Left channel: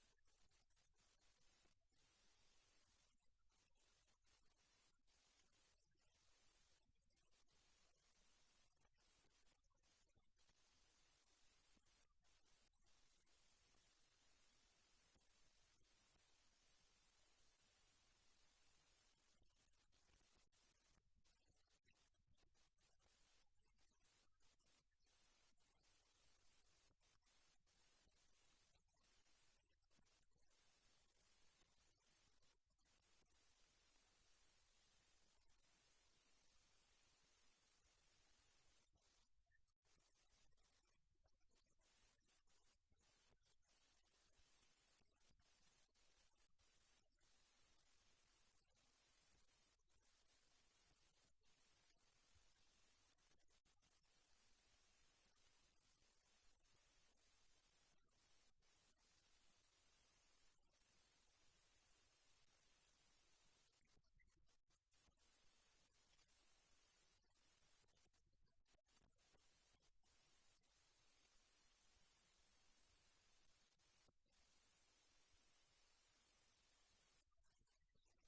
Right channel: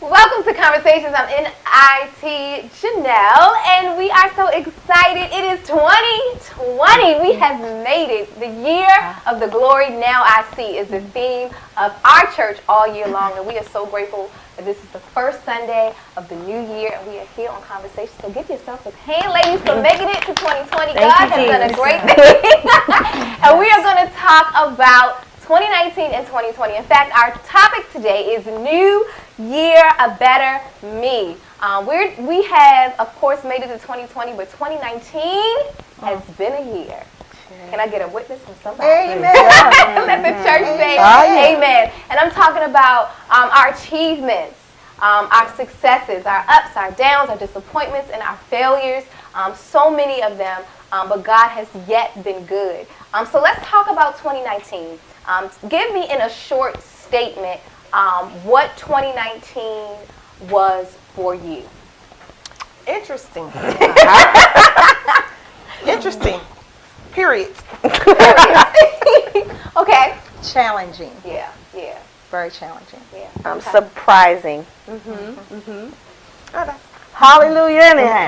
Welcome to Conversations. I'm NIT Janelle, and we are so excited. It is 2020. We have made it. The year of the glory now I see is the theme of our church all year long, and we are so grateful that this is the first Sunday of the new year, and we are here on Conversations. So give yourself a hand, ladies, for making it to 2020. God has done a great thing. And we are going to talk about 2019 and 2020. In fact, our topic today is New Year, a Better Me. We have, of course, made it to 2020, but 2019 has been a year. Can I get a witness from somebody? Amen. Let the church say amen. And I'm talking about our achievements, our successes, our ups, our downs, our disappointments, and our failures. So many of them, but God has yet been good. So let's talk about 2019. Give me in a short statement what 2019 was for you. Interesting. Interesting. Period. Okay. Challenging. Yeah. Very challenging. Yeah. Surprising. Hallelujah anyhow.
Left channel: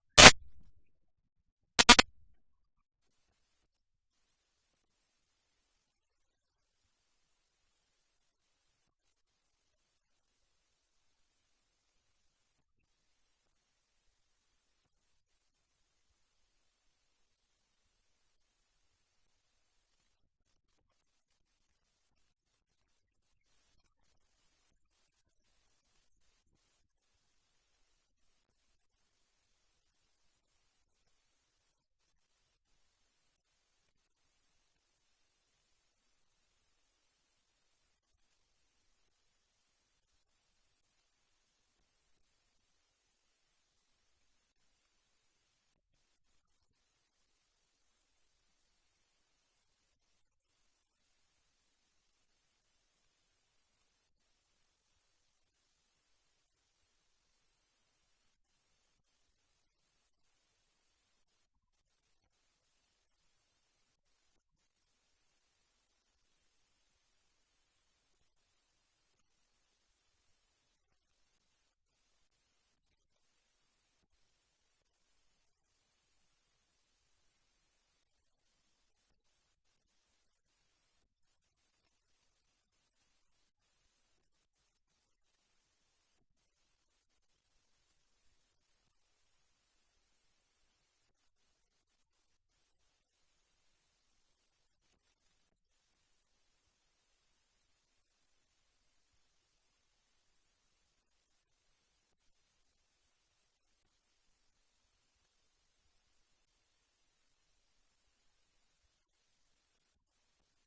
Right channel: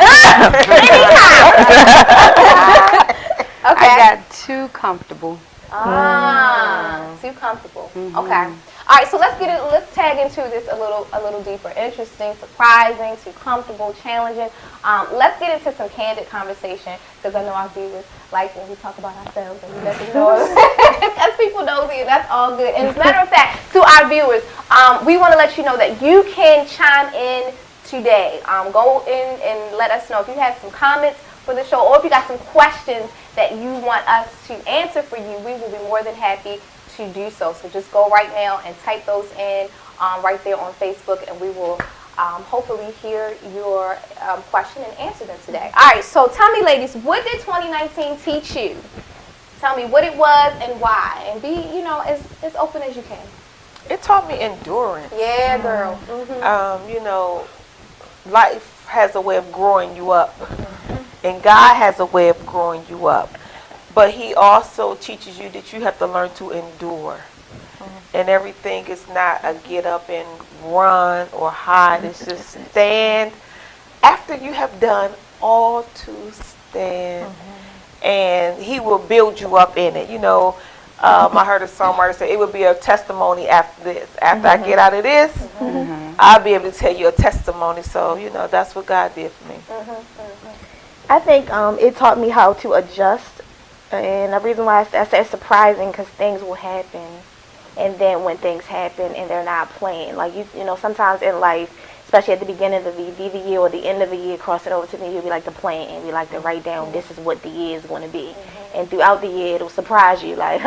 Okay. I got too comfortable. Too comfortable. Okay. All right, so let's tag into this a little deeper. Interesting, surprising, too comfortable, challenging. Let's get into some candid conversation, because I know our viewers like when we talk about ourselves and we let them know. As people know, that's all good. And as a matter of fact, to our viewers, we want to let you know that you can chime in today. Go in and let us know if you have some comments for the show, or if you got some questions that you want us to answer for you. We will be more than happy to do so. So just go right now and type those in right there on Facebook, and we will hopefully hear your question and answer them today. All right, so tell me, ladies, what did 2019 teach you? Tell me what it was and why, and be, as open as you can. It taught me endurance. Yeah, girl. Life has a way of growing you up, and God has a way of growing you up. But he also teaches you that you have to learn to endure. And everything is not a get up and run or hide. It's just stand after you have done all to stand. And he will build you up in it. I heard a songwriter say it would be a testimony after this. After I get out of this, I'll be able to tell you a testimony. So, that's what God did for me. I think it taught me how to adjust. And the reason why I say surprising, because things will happen. And then when things happen and they're not planned, like, sometimes in life, especially at the beginning of the year or the end of the year, crossing over to the year, we like to plan and we like to write down this is what the year is going to be. And throughout the year, it'll surprise you, like,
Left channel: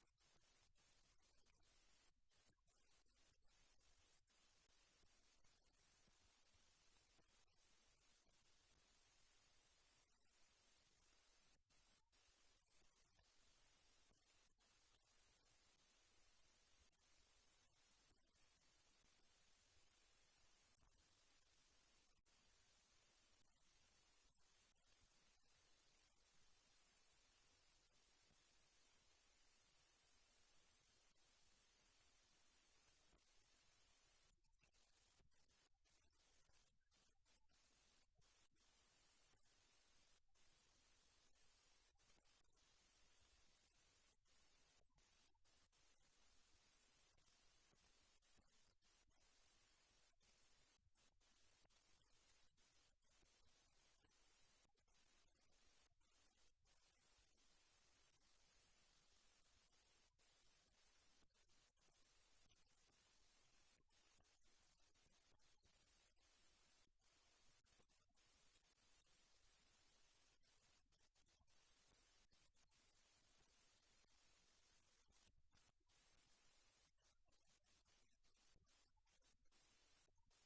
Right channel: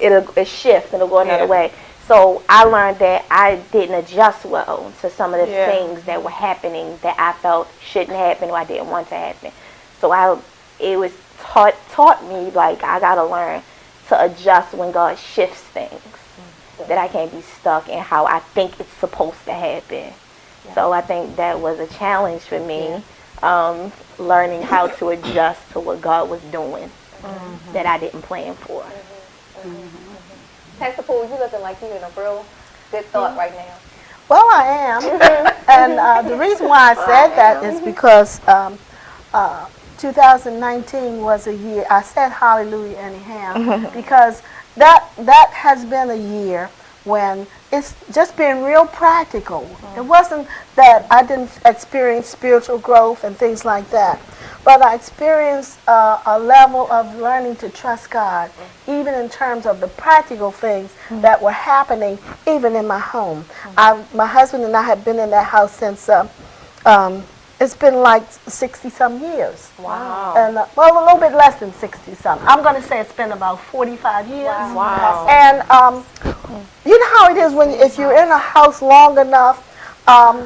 it'll shift and it'll go another way. So I learned that I didn't adjust well to some of the things that were happening that I felt shouldn't happen or I didn't want to happen. So it was taught me, like, I got to learn to adjust when God shifts things, that I can't be stuck in how I think it's supposed to happen. So I think that was a challenge for me, learning how to adjust to what God was doing that I didn't plan for. Pastor Poole, you looking like you're in a real good thought right now. Well, I am. And the reason why I said that is because 2019 was a year, I said hallelujah anyhow, because that has been a year when it's just been real practical. It wasn't that I didn't experience spiritual growth and things like that, but I experienced a level of learning to trust God, even in terms of the practical things that were happening even in my home. My husband and I have been in that house since it's been like 60-some years. Wow. And, a little bit less than 60-some. I'm going to say it's been about 45 years. Wow. And you know how it is if you're in a house long enough,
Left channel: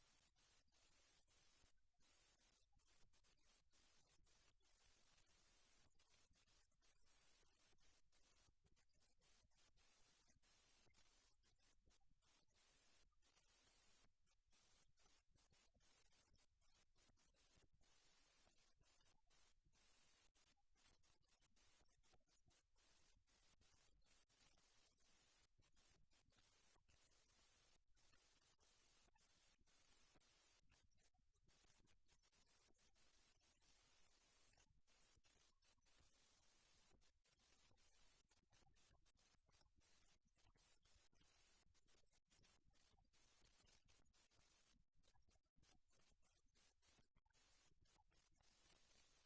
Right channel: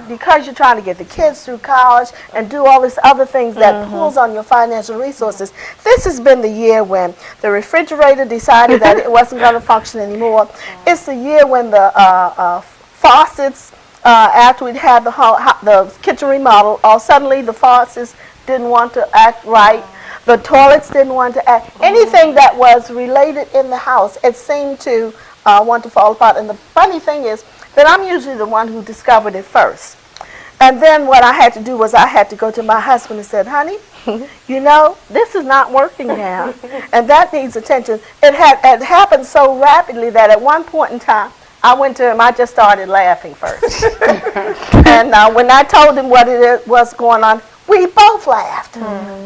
because you're trying to get the kids through college and do all these other things that pulls on your financial resources. This has been the year when the refrigerator decided that it wasn't going to function anymore. It's the year when the faucets, after we'd had the kitchen remodel, suddenly the faucets didn't want to act right. The toilets didn't want to act. Anything that was related in the house, it seemed to want to fall apart. And the funny thing is, then I'm usually the one who discovered it first. And then what I had to do was I had to go to my husband and said, honey, you know, this is not working now, and that needs attention. It happened so rapidly that at one point in time, I went to him, I just started laughing first. And when I told him what it was going on, we both laughed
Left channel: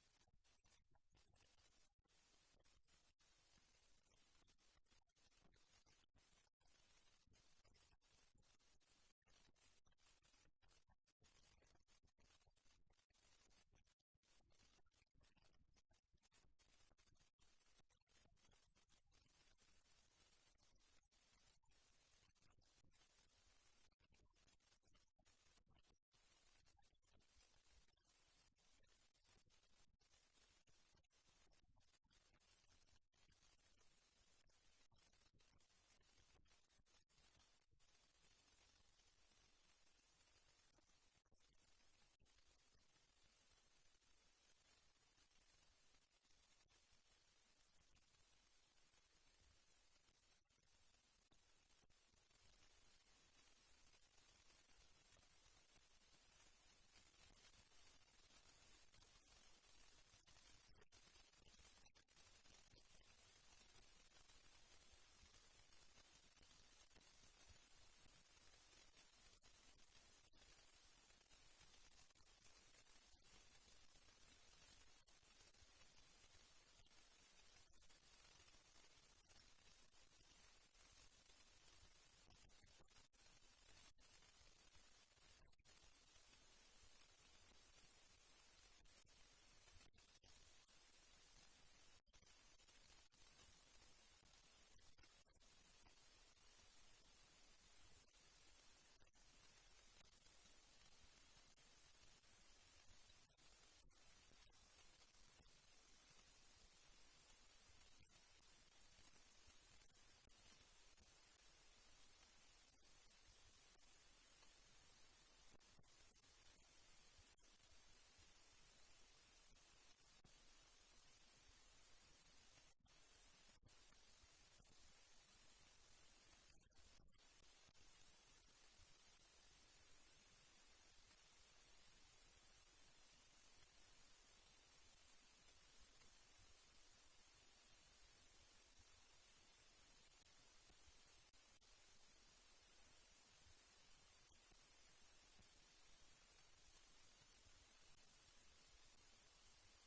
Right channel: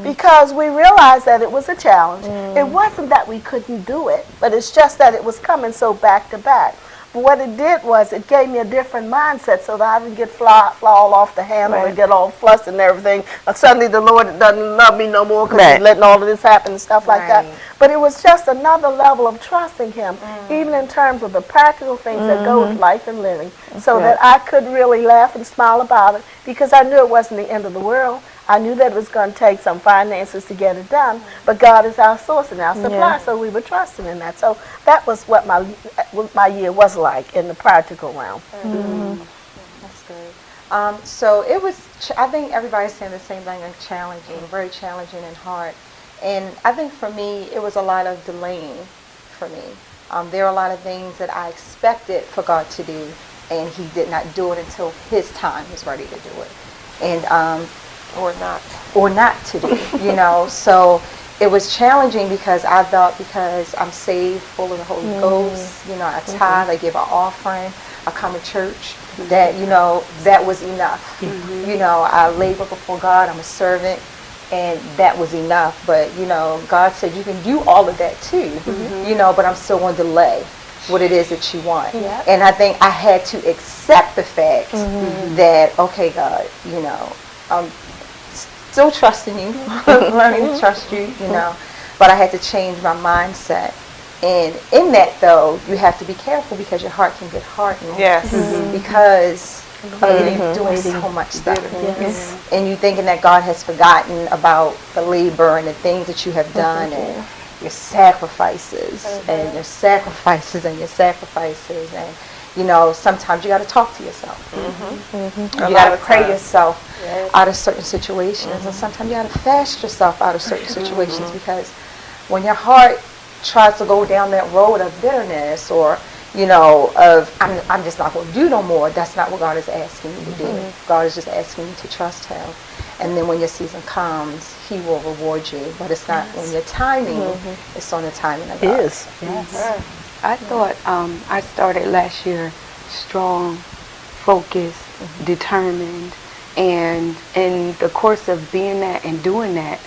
because we realized that it was a challenge. It wasn't that we couldn't do it, but it's just that it was coming so back to back. But what it did was it gave me a different mindset so that I didn't get fly all off the handle and get all flustered and everything. Suddenly the Lord doesn't love me no more because he's letting all of this happen and stuff like that. But it was just another level of trusting him, even in terms of the practical things that go with life and living, so that I could really laugh and smile about it because I knew it wasn't the end of the world. I knew that it was going to take some finances to get it done, but God is our source and our supply, so we were trusting in that. So that was what my year was like in the practical realm. That's good. So it was, I think everybody's saying the same thing, like challenging, very challenging and hard. And I think for me, it was a lot of delaying for me. There are a lot of things that I expected for God to do, and he did not do it until his time was ready to do it. And or not to do, you know. So it was challenging because I thought because I'm saved, full of the Holy Ghost, you know, I tithe, I give an offering, I come to church, that, you know, that was enough. You know, I labor before God, I'm a servant, and that was enough. But, you know, God said you can do all of that too, you know, but I'm still going to delay what it is that you want. And I think I had to accept the fact that, okay, God, you know, still trusting you, learning to trust you, you know, but I had to change my mindset. And in that, though, you have to be careful because your heart can get hardened. Because you're doing so much stuff. And you thinking that God has forgotten about the labor and the things that you have done and your sacrifices and your sacrifices and your sacrifices. And, you know, sometimes you got to talk to yourself. You got to pray yourself out of certain situations, and sometimes you got to fast yourself out of certain situations because when your heart tries to go down that road of bitterness or, you know, of I'm just not going to do no more, that's not what God is asking you to do. God is just asking you to trust him. And then when your season comes, he will reward you. But it's not on your timing, it's on the timing of God. It is. I thought I started last year strong, focused, determined, and in the course of being that and doing that,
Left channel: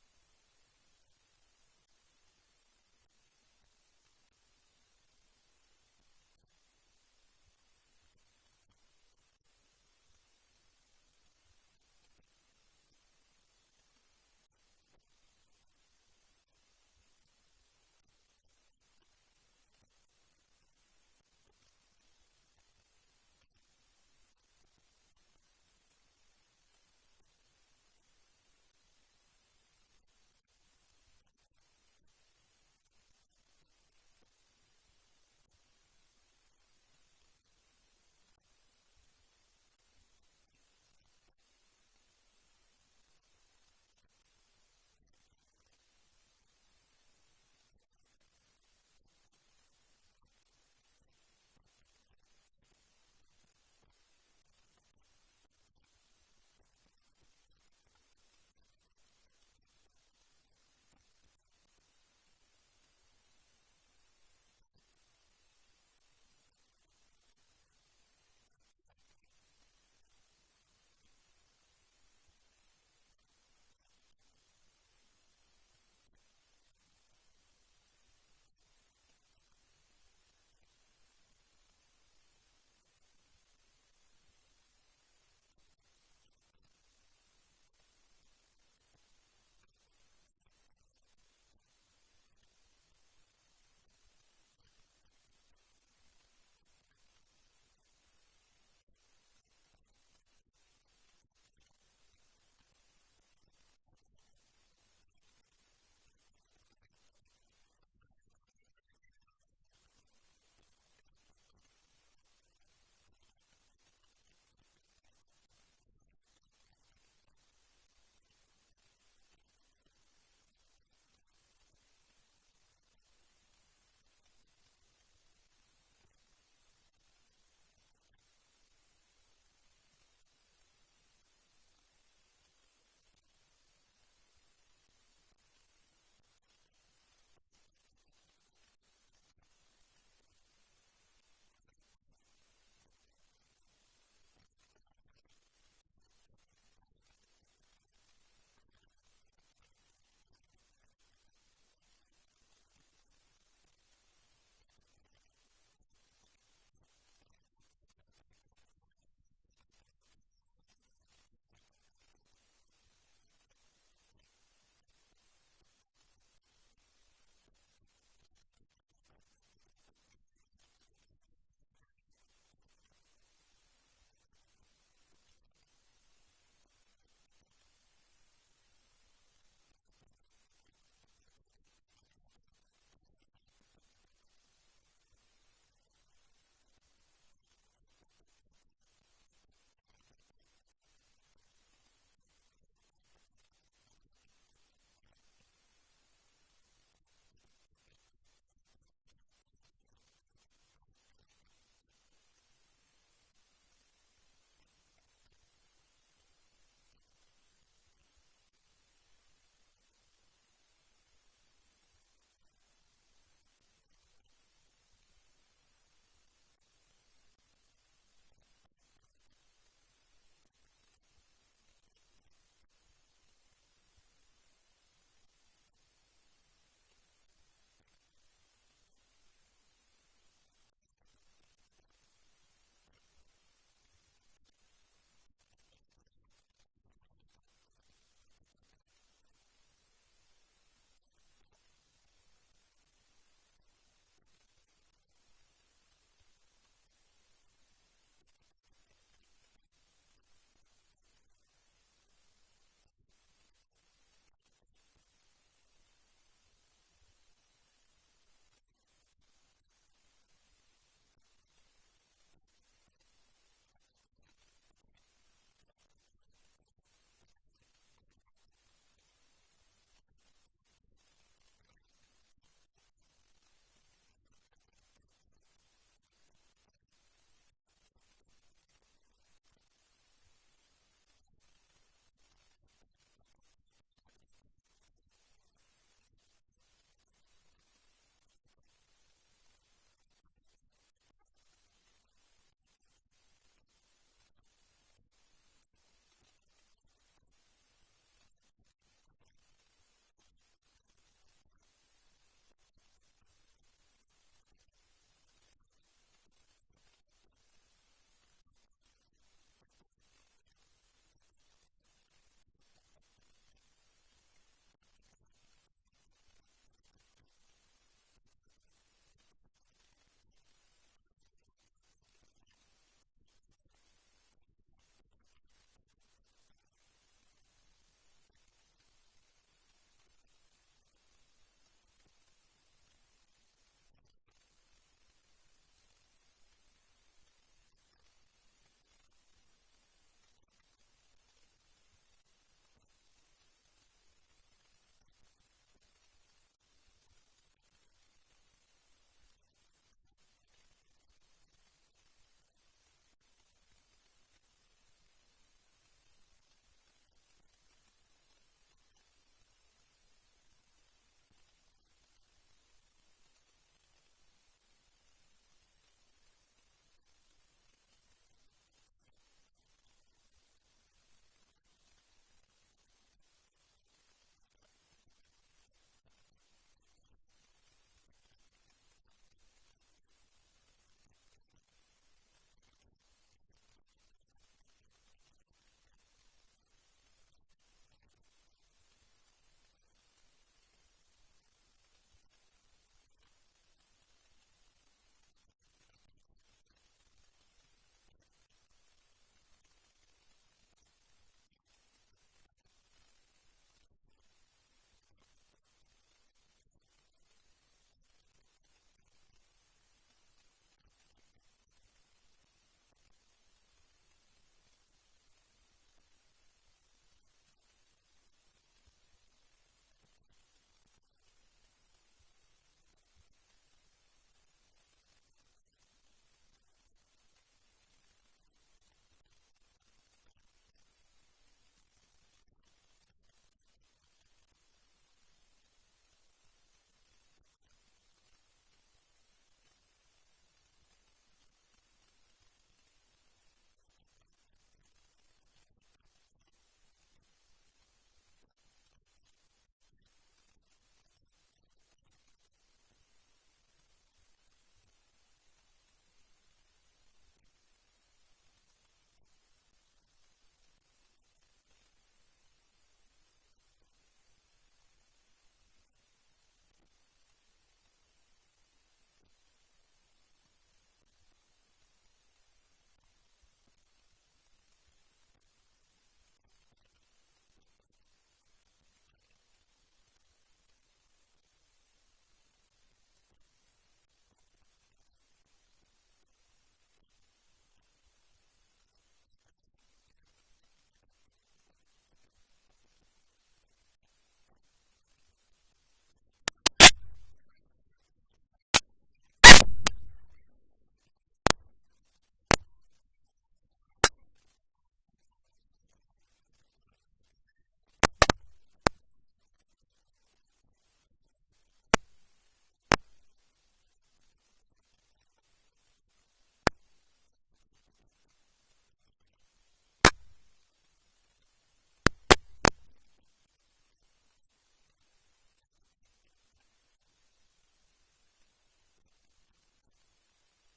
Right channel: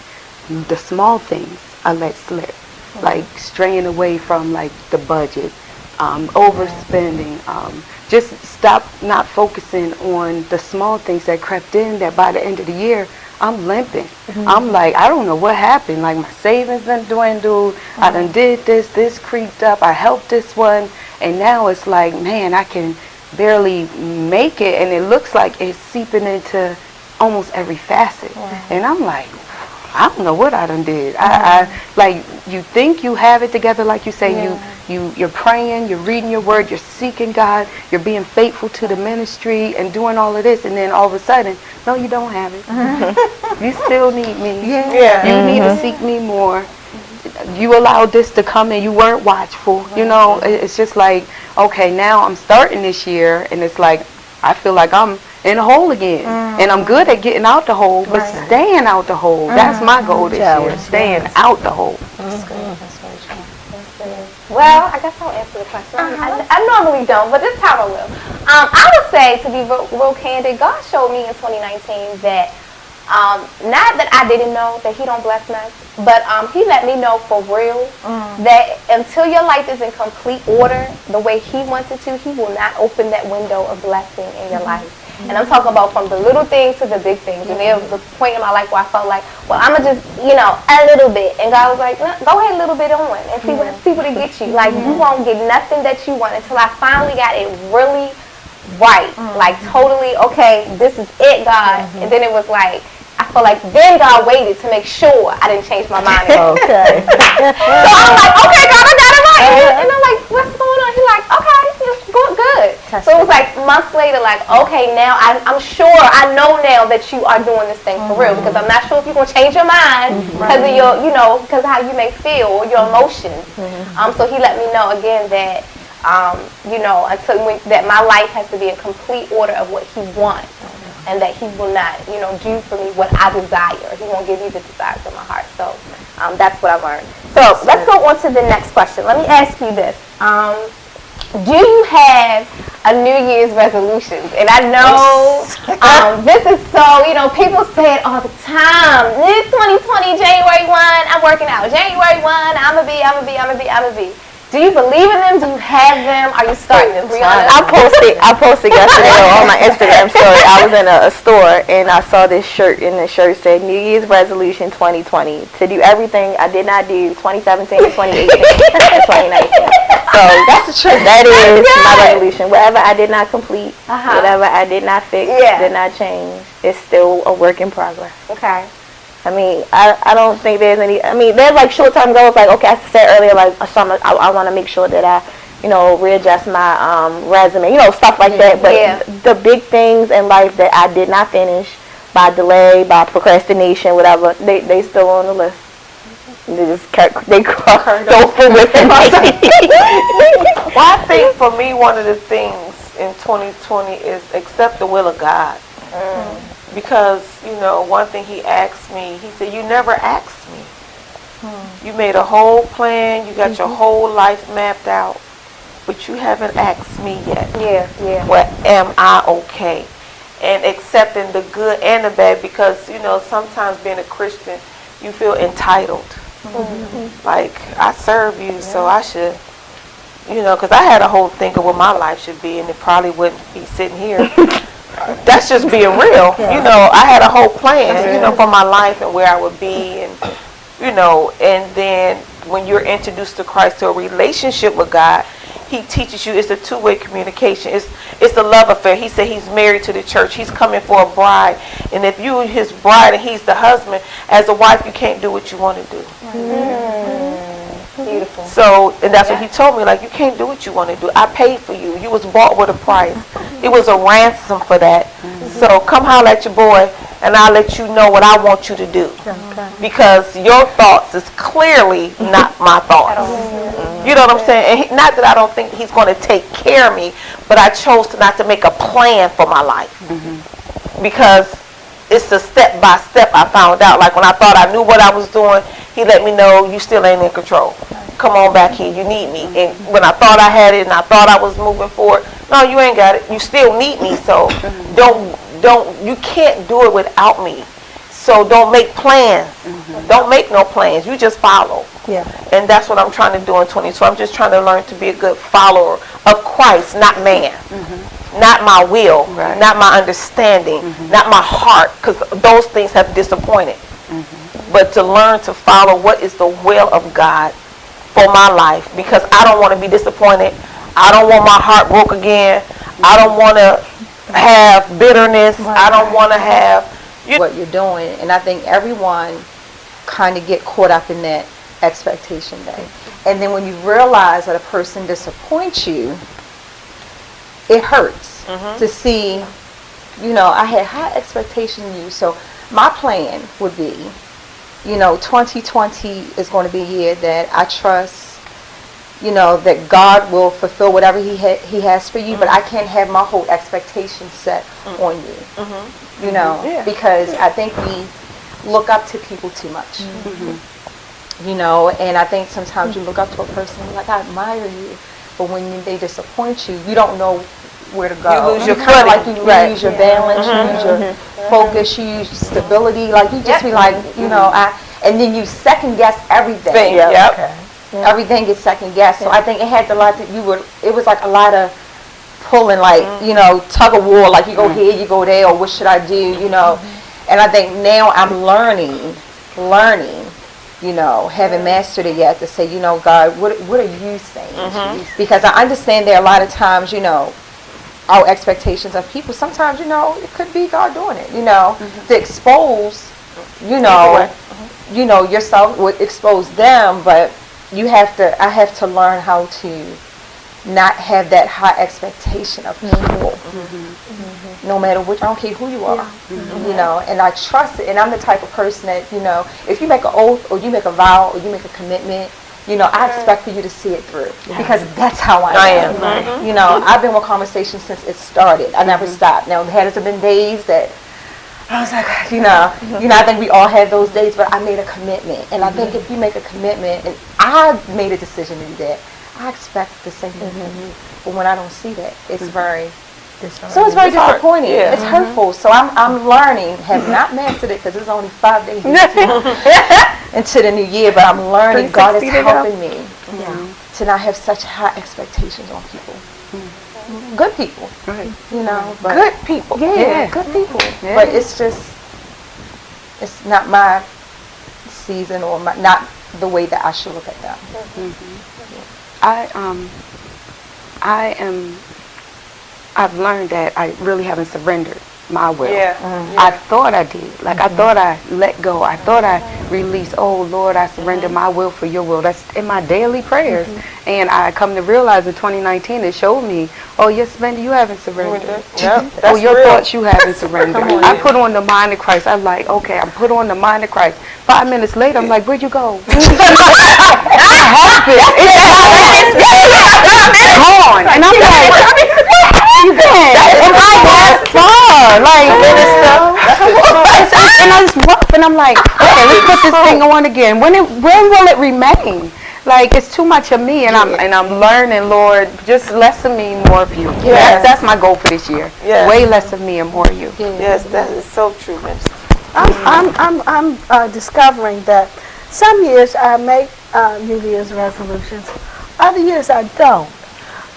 the small things I let slip, like straying away from like the budget, overspending, just stop not focusing on the small things that crept in that by the end of the year, I'm limping. I'm like, I don't know what happened. Like my savings done dwindled. I done did this creeped up. I helped this one. And now it's like, man, I can barely make it. And it looks like it's seeping into almost every facet. And I'm like, I don't know what I done did. I like, you think you have it together, like you say, you're praying, you're reading your word, you're seeking God, you're being faithful to the ministry and doing all of this, and then all of a sudden, no, you don't have it. You still need me. You need to seek me more. You allowed this to come in, you weren't watchful. You know, it's just like, okay, now I'm starting this year, and it's like, I feel like I'm in a hole again. And I'm good at getting out the hole, but staying out the hole, that's my goal this year, staying out the hole. Well, I guess I'll answer the question. I normally don't, but this time I will. I would say, to be real candid, God showed me in 2019 that not that I didn't know that he don't bless us, but he let me know for real that until your life is in complete order the way he wants it to, he will not open that window of blessing in your life. And I'm talking about from the little things to the big things. And there was a point in my life where I felt like, well, I'm going to just, you know, a little bit. And God was like, go ahead a little bit on and see what it gets you. Like, you won't get nothing that you want until I finally got it really right. Like, totally, okay, this is it, God. And then it was like, I feel like then God waited to make sure I didn't change my mind. Okay. So I'm like, okay, God, I got it right. And I'm like, what's going on? He's like, okay, it's good. So it was like months later, like, okay, now I'm sure, I know now that you are doing this thing for real, because I'm not sure if you're going to change your mind because of your, you know, because of how you may feel or your emotions. So he let me know again that you know, that my life has to be in complete order of what He wants, and that He will not, you know, do for me what I desire. He won't give me the desires of my heart. So that's what I learned. So let's go on to the next question. Let me ask you this. Do you have a New Year's resolution? And I know this is so, you know, people say it all the time. It's 2020, January 1, I'm working out. January 1, I'm going to be. Do you believe in them? Do you have them? Are you starting them? I posted yesterday on my Instagram story. I was in a store and I saw this shirt, and the shirt said New Year's resolution 2020 to do everything I did not do 2017, 2018, and 2019. So that's the truth. That is my resolution. Whatever I did not complete, whatever I did not fix, did not change, it's still a work in progress. Okay. I mean, I don't think there's any, I mean, there's like short-term goals, like, okay, I said earlier, like, I want to make sure that I, you know, readjust my resume, you know, stuff like that. But the big things in life that I did not finish by delay, by procrastination, whatever, they still on the list. They crossed over with it. Well, I think for me, one of the things in 2020 is accept the will of God. Because, you know, one thing He asked me, He said, you never asked me. You made a whole plan, you got your whole life mapped out, but you haven't asked me yet. Well, am I okay? And accepting the good and the bad, because, you know, sometimes being a Christian, you feel entitled. Like, I serve you, so I should, you know, because I had a whole thing of what my life should be, and it probably wouldn't be sitting here. That's just being real. You know, I had a whole plan, you know, for my life and where I would be, and, you know, and then when you're introduced to Christ, to a relationship with God, He teaches you it's a two-way communication. It's the love affair. He said He's married to the church. He's coming for a bride. And if you are His bride and He's the husband, as a wife, you can't do what you want to do. Beautiful. So, and that's what He told me, like, you can't do what you want to do. I paid for you. You was bought with a price. It was a ransom for that. So come holler at your boy, and I'll let you know what I want you to do. Because your thoughts is clearly not my thoughts. You know what I'm saying? And not that I don't think He's going to take care of me, but I chose not to make a plan for my life. Because it's a step by step. I found out, like, when I thought I knew what I was doing, He let me know, you still ain't in control. Come on back here, you need me. And when I thought I had it and I thought I was moving forward, no, you ain't got it. You still need me, so you can't do it without me. So don't make plans. Don't make no plans. You just follow. And that's what I'm trying to do in 2020. So I'm just trying to learn to be a good follower of Christ, not man. Not my will, not my understanding, not my heart, because those things have disappointed. But to learn to follow what is the will of God for my life, because I don't want to be disappointed. I don't want my heart broke again. I don't want to have bitterness. I don't want to have what you're doing. And I think everyone kind of get caught up in that expectation day. And then when you realize that a person disappoints you, it hurts to see, you know, I had high expectations in you. So my plan would be, you know, 2020 is going to be a year that I trust, you know, that God will fulfill whatever He has for you, but I can't have my whole expectation set on you, you know, because I think we look up to people too much, you know, and I think sometimes you look up to a person and like, I admire you, but when they disappoint you, you don't know where to go. You lose your kind of like you footing. lose your balance, you lose your focus, you lose stability, like you just be like, you know, and then you second guess everything. Everything gets second guessed. So I think it had a lot that it was like a lot of pulling, like, you know, tug of war, like you go here, you go there, or what should I do, you know. And I think now I'm learning, you know, haven't mastered it yet, to say, you know, God, what are you saying? Because I understand there are a lot of times, you know, our expectations of people, sometimes, you know, it could be God doing it, you know, to expose, you know, yourself would expose them, but I have to learn how to not have that high expectation of people, no matter which, I don't care who you are, you know, and I trust it, and I'm the type of person that, you know, if you make an oath, or you make a vow, or you make a commitment, I expect for you to see it through because that's how I am. I've been with Conversation since it started. I never stopped. Now, there has been days that I was like, I think we all have those days, but I made a commitment. And I think if you make a commitment, and I made a decision to do that, I expect the same thing from you. But when I don't see that, it's very disappointing. Yeah. It's hurtful. So I'm learning, have not mastered it because it's only 5 days into the new year, but I'm learning God is helping me to not have such high expectations on people. Good people. Right. But Good people. Yeah, good people. Yeah. But it's not my season or not the way that I should look at them. I've learned that I really haven't surrendered my will. Yeah. I thought I did. Like I thought I let go. I thought I released, oh Lord, I surrender my will for your will. That's in my daily prayers. And I come to realize in 2019 it showed me, oh yes, Wendy, you haven't surrendered. Oh, your thoughts you haven't surrendered. I put on the mind of Christ. I'm like, okay, I put on the mind of Christ. 5 minutes later, I'm like, where'd you go? It's gone. And I'm like, you been? And I was far. Like, and I was rough, and I'm like, okay, let's put this thing on again. When will it remain? Like, it's too much of me, and I'm learning, Lord, just less of me, more of you. Yes. That's my goal for this year. Yes. Way less of me and more of you. Yes, that is so true, Minister. I'm discovering that some years I make New Year's resolutions, other years I don't.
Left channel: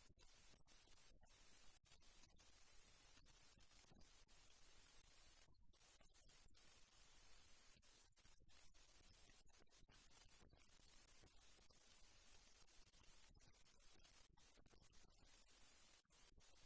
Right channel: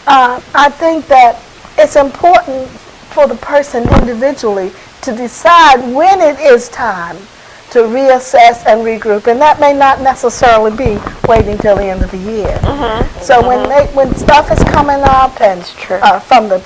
I think that it's important for the person individually to decide when it is time to reassess and regroup, and that may not necessarily be waiting till the end of the year. So when stuff is coming up, and from the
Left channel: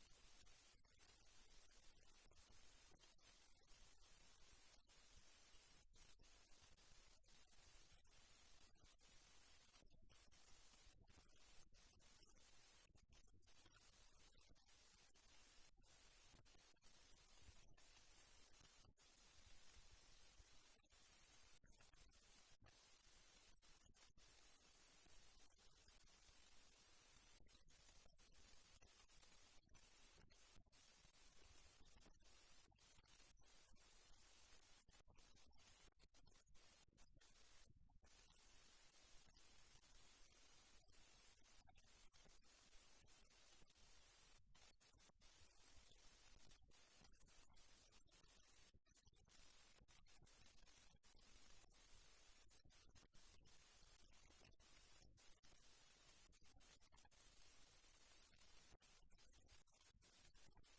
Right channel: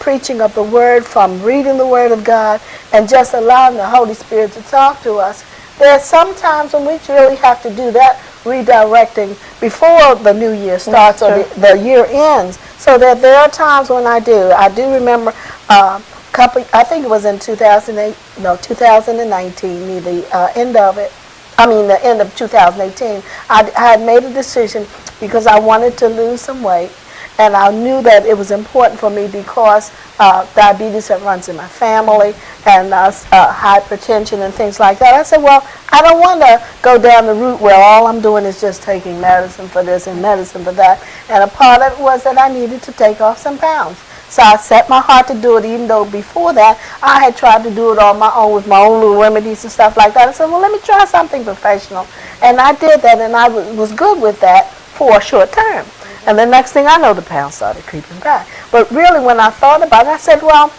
preaching of the Word, from reading the Word of God, and just allowing the Holy Spirit to talk to us, there are some times when we really have to do that redirecting before the new year starts or the year ends. So that there are times when I do. I do remember I think it was in 2019, near the end of it. The end of 2018. I had made a decision because I wanted to lose some weight. And I knew that it was important for me because diabetes that runs in my family and hypertension and things like that. I said, well, I don't want to go down the route where all I'm doing is just taking medicine for this and medicine for that. And a part of it was that I needed to take off some pounds. So I set my heart to do it, even though before that I had tried to do it on my own with my own little remedies and stuff like that. I said, well, let me try something professional. And I did that, and I was good with that for a short term. And the next thing I know, the pounds started creeping back. But really, when I thought about it, I said, well,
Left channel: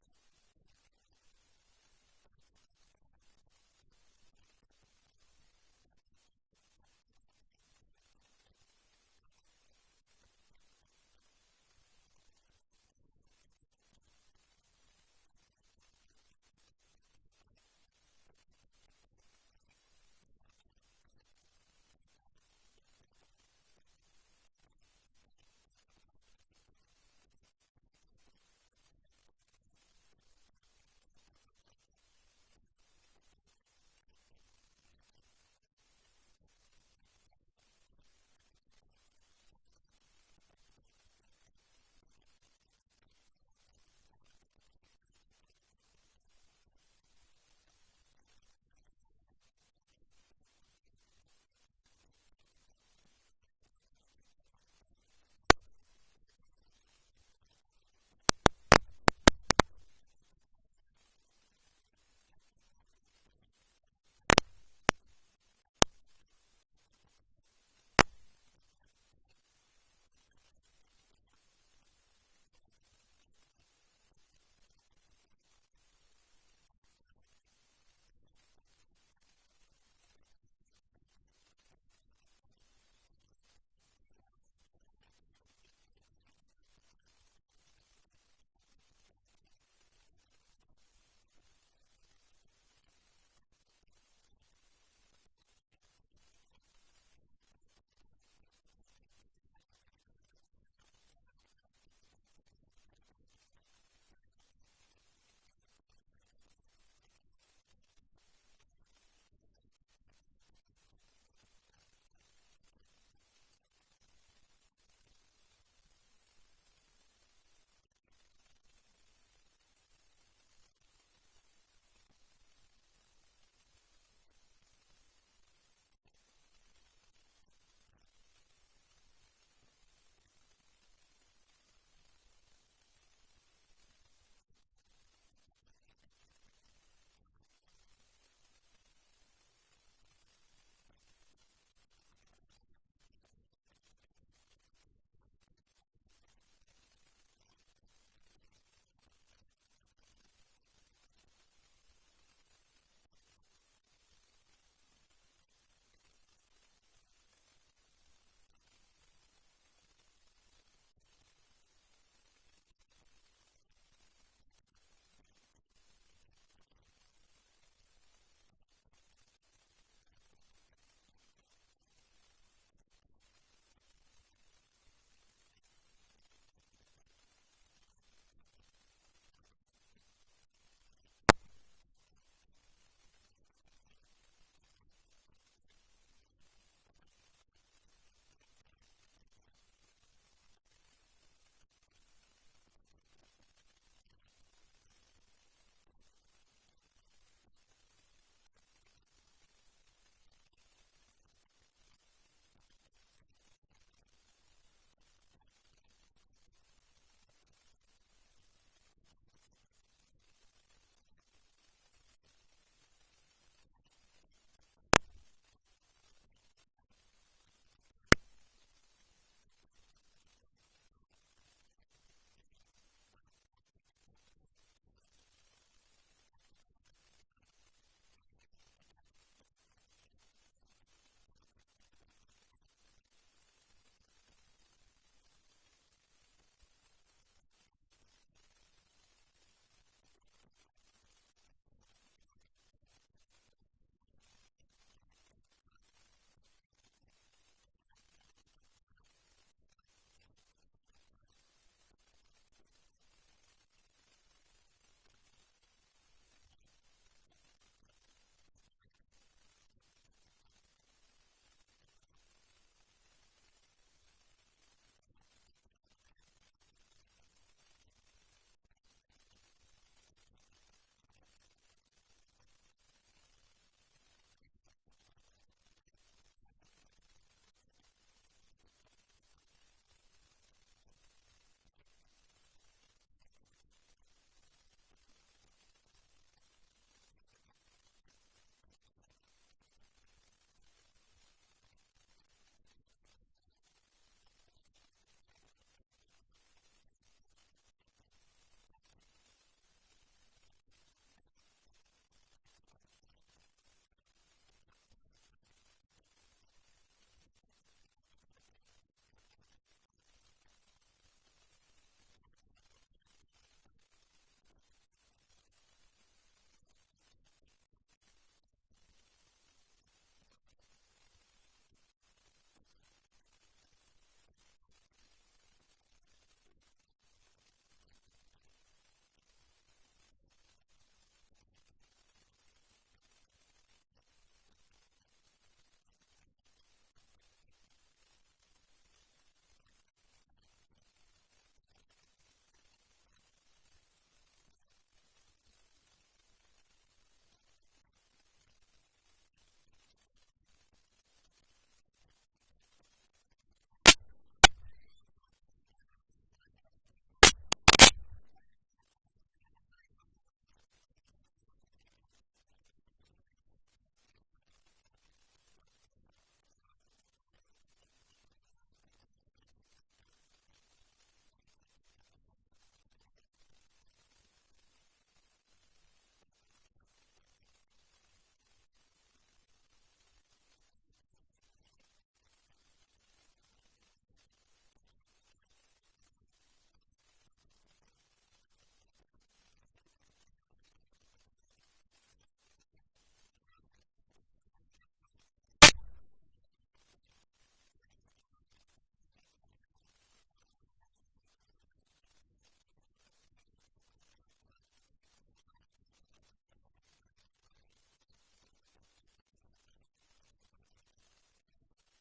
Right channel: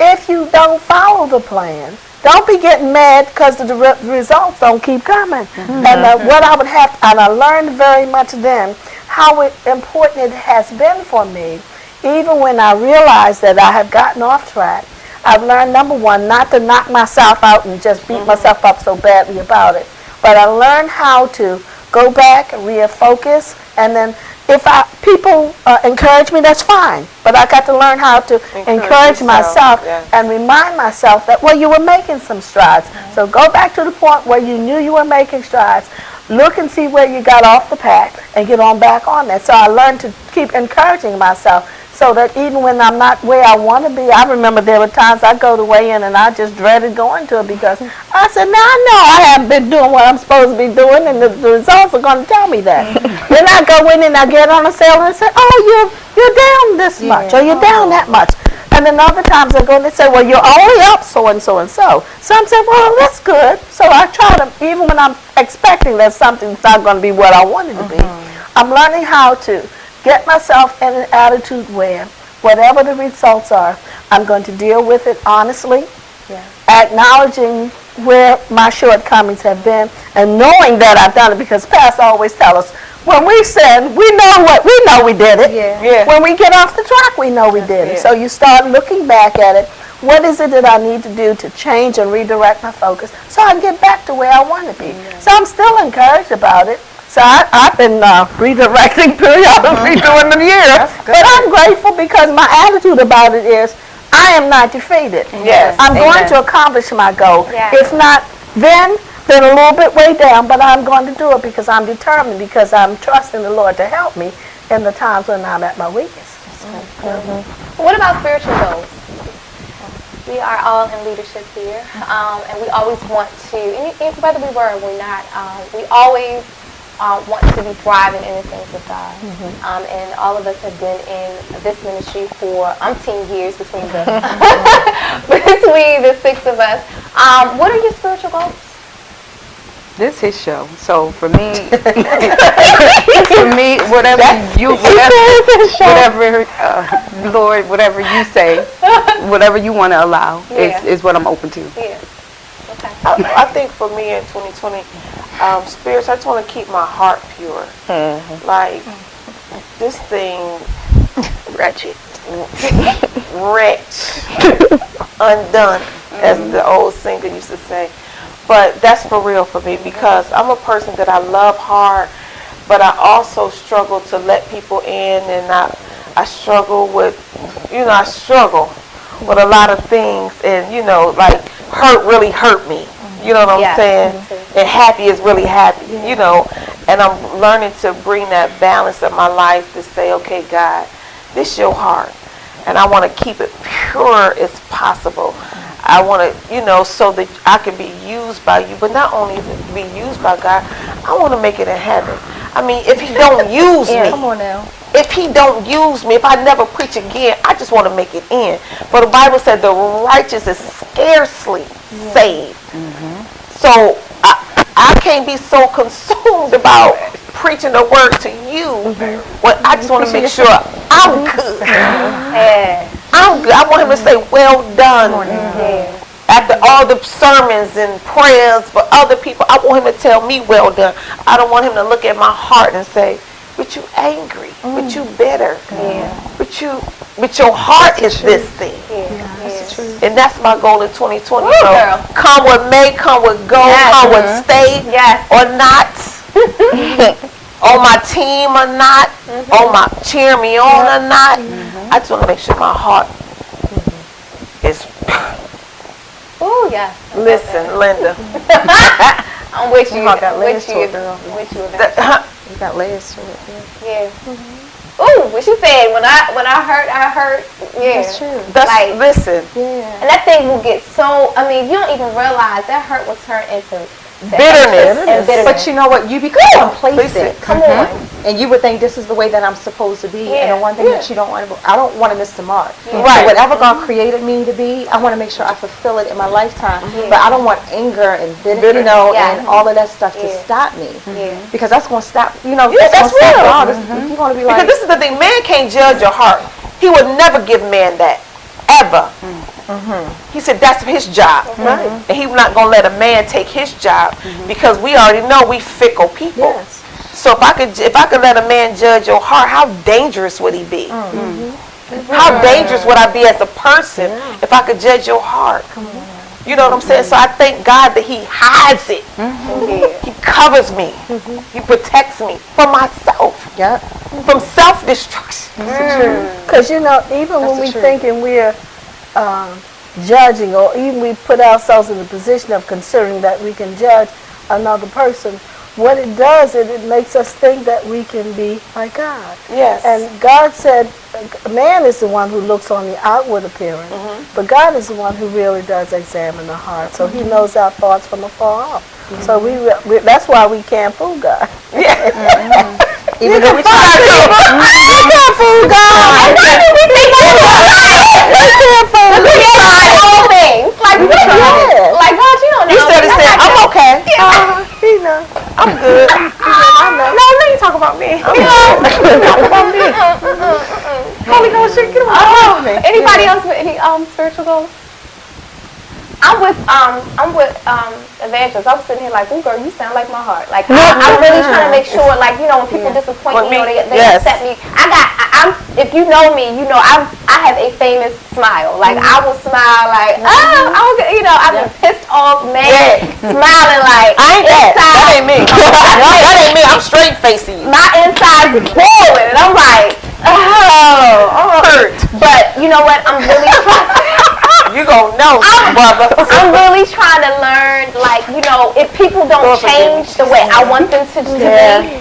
if you don't follow the plan, don't be getting mad because the results don't keep coming. And what I would have, and I learned very much then how important it has been for me, even when I realized that I have gotten off track. I've learned, number one, not to knock myself out and just beat myself up so badly about it. But I learned how to go back, refocus, and then if people encourage me, that's fine. But I got to learn how to encourage myself and remind myself that, well, you were making some strides. So go back to the point where you knew you were making strides. Look and see where you got off the path and get on back on that. So I learned to keep encouraging myself so that even when I'm not where I want to be, I remember there were times I go to weigh in and I just dreaded going to it because I said, now I know I haven't been doing what I'm supposed to be doing, and the results are going to tell me that. Then I go in and I get on a sale and say, oh, you're down this much, or you're down that much. And then other times I go and they say, well, you're only up so and so and so. So I'm saying, well, that's good. So I try to, even when I'm expecting that something's not going to be what I want it to be, I'm learning how to get myself in an attitude where whatever the results are, I'm going to deal with it honestly, acknowledging where my shortcomings have been, and knowing that I've done it, because Pastor always tells us, when we sin, we know we did it. When we get off the track, we know we did it. So you start looking back at it. What is it that I need to do to change and redirect my focus so I can get back to where I want to be? So I'm still encouraged about it. So I've been redirecting periodically during the year. But I'm grateful because my attitude about it is I am not defeated. I'm going to accomplish my goal. If not then, been a little bit way down, but I'm going to do it because I'm determined, because I'm trusting the Lord to help me in the times when I'm at my weakest. What about spiritual goals? We are all in leadership here, and we always want to, and whether we were or we're not, we always want to be thriving in the things of God. And all of us have been in this ministry for umpteen years between the between the six of us. What are your spiritual goals? This is his show. So for me, whatever Lord, whatever you say, whatever you want to allow is what I'm open to. Yeah. Okay. I think for me in 2020, spirits, I just want to keep my heart pure. Like, this thing, wretched, undone, as the old singer used to say. But that's for real for me, because I'm a person that I love hard, but I also struggle to let people in, and I struggle with, I struggle with a lot of things, and, like, hurt really hurt me. You know what I'm saying? And happy is really happy, and I'm learning to bring that balance in my life to say, okay, God, this is your heart, and I want to keep it pure as possible. I want to, so that I can be used by you, but not only be used by God, I want to make it in heaven. I mean, if he don't use me, Come on now. if he don't use me, if I never preach again, I just want to make it in. But the Bible said the righteous is scarcely saved. So I can't be so consumed about preaching the word to you, but I just want to make sure I'm good. I'm good. I want him to say, well done. After all the sermons and prayers for other people, I want him to tell me, well done. I don't want him to look at my heart and say, but you angry, but you bitter, but your heart is this thing. And that's my goal in 2020. Come what may, come what go, come what stay or not, on my team or not, on my cheer me on or not. I just want to make sure my heart is. Oh yeah. Listen, Linda. I'm with you. got layers with to you. it, girl. With you. You got layers to it. Yeah. Ooh, what she said, when I hurt, yeah. That's true. That's, listen. Yeah. And that thing will get so, you don't even realize that hurt will turn into Bitterness. And bitterness. But you know what? You become complacent. Come on. And you would think this is the way that I'm supposed to be. And the one thing that you don't want to, I don't want to miss the mark. Right. So whatever God created me to be, I want to make sure I fulfill it in my lifetime. But I don't want anger and bitterness, and all of that stuff to stop me. Because that's going to stop, that's real. God. You're going to be like. Because this is the thing, man can't judge your heart. He would never give man that, ever. He said that's his job. And he's not going to let a man take his job, because we already know we fickle people. Yes. So if I could let a man judge your heart, how dangerous would he be? How dangerous would I be as a person if I could judge your heart? You know what I'm saying? So I thank God that he hides it. He covers me. He protects me from myself. From self-destruction. Because, even when we thinking we're judging, or even we put ourselves in the position of considering that we can judge another person, what it does is it makes us think that we can be like God. Yes. And God said man is the one who looks on the outward appearance, but God is the one who really does examine the heart. So he knows our thoughts from afar off. So we that's why we can't fool God. Even though we try to. We can't fool God. We can't fool God. We tried all things. Like, God, you don't know. He said, I'm okay. He knows. I'm good. I know. No, let you talk about me. Talk about me. Holy Ghost, get away from me. Anybody else with any spiritual goals? I'm with Evangelist. I was sitting here like, ooh, girl, you sound like my heart. Like, I'm really trying to make sure, like, when people disappoint me, they upset me. If you know me, I have a famous smile. Like, I will smile like, I've been pissed off, mad, smiling like, I ain't that. That ain't me. That ain't me. I'm straight facing you. My inside's boiling, and I'm like, oh, hurt. But you know what? I'm really trying. You gonna No, brother. I'm really trying to learn, like, you know, if people don't change the way I want them to be,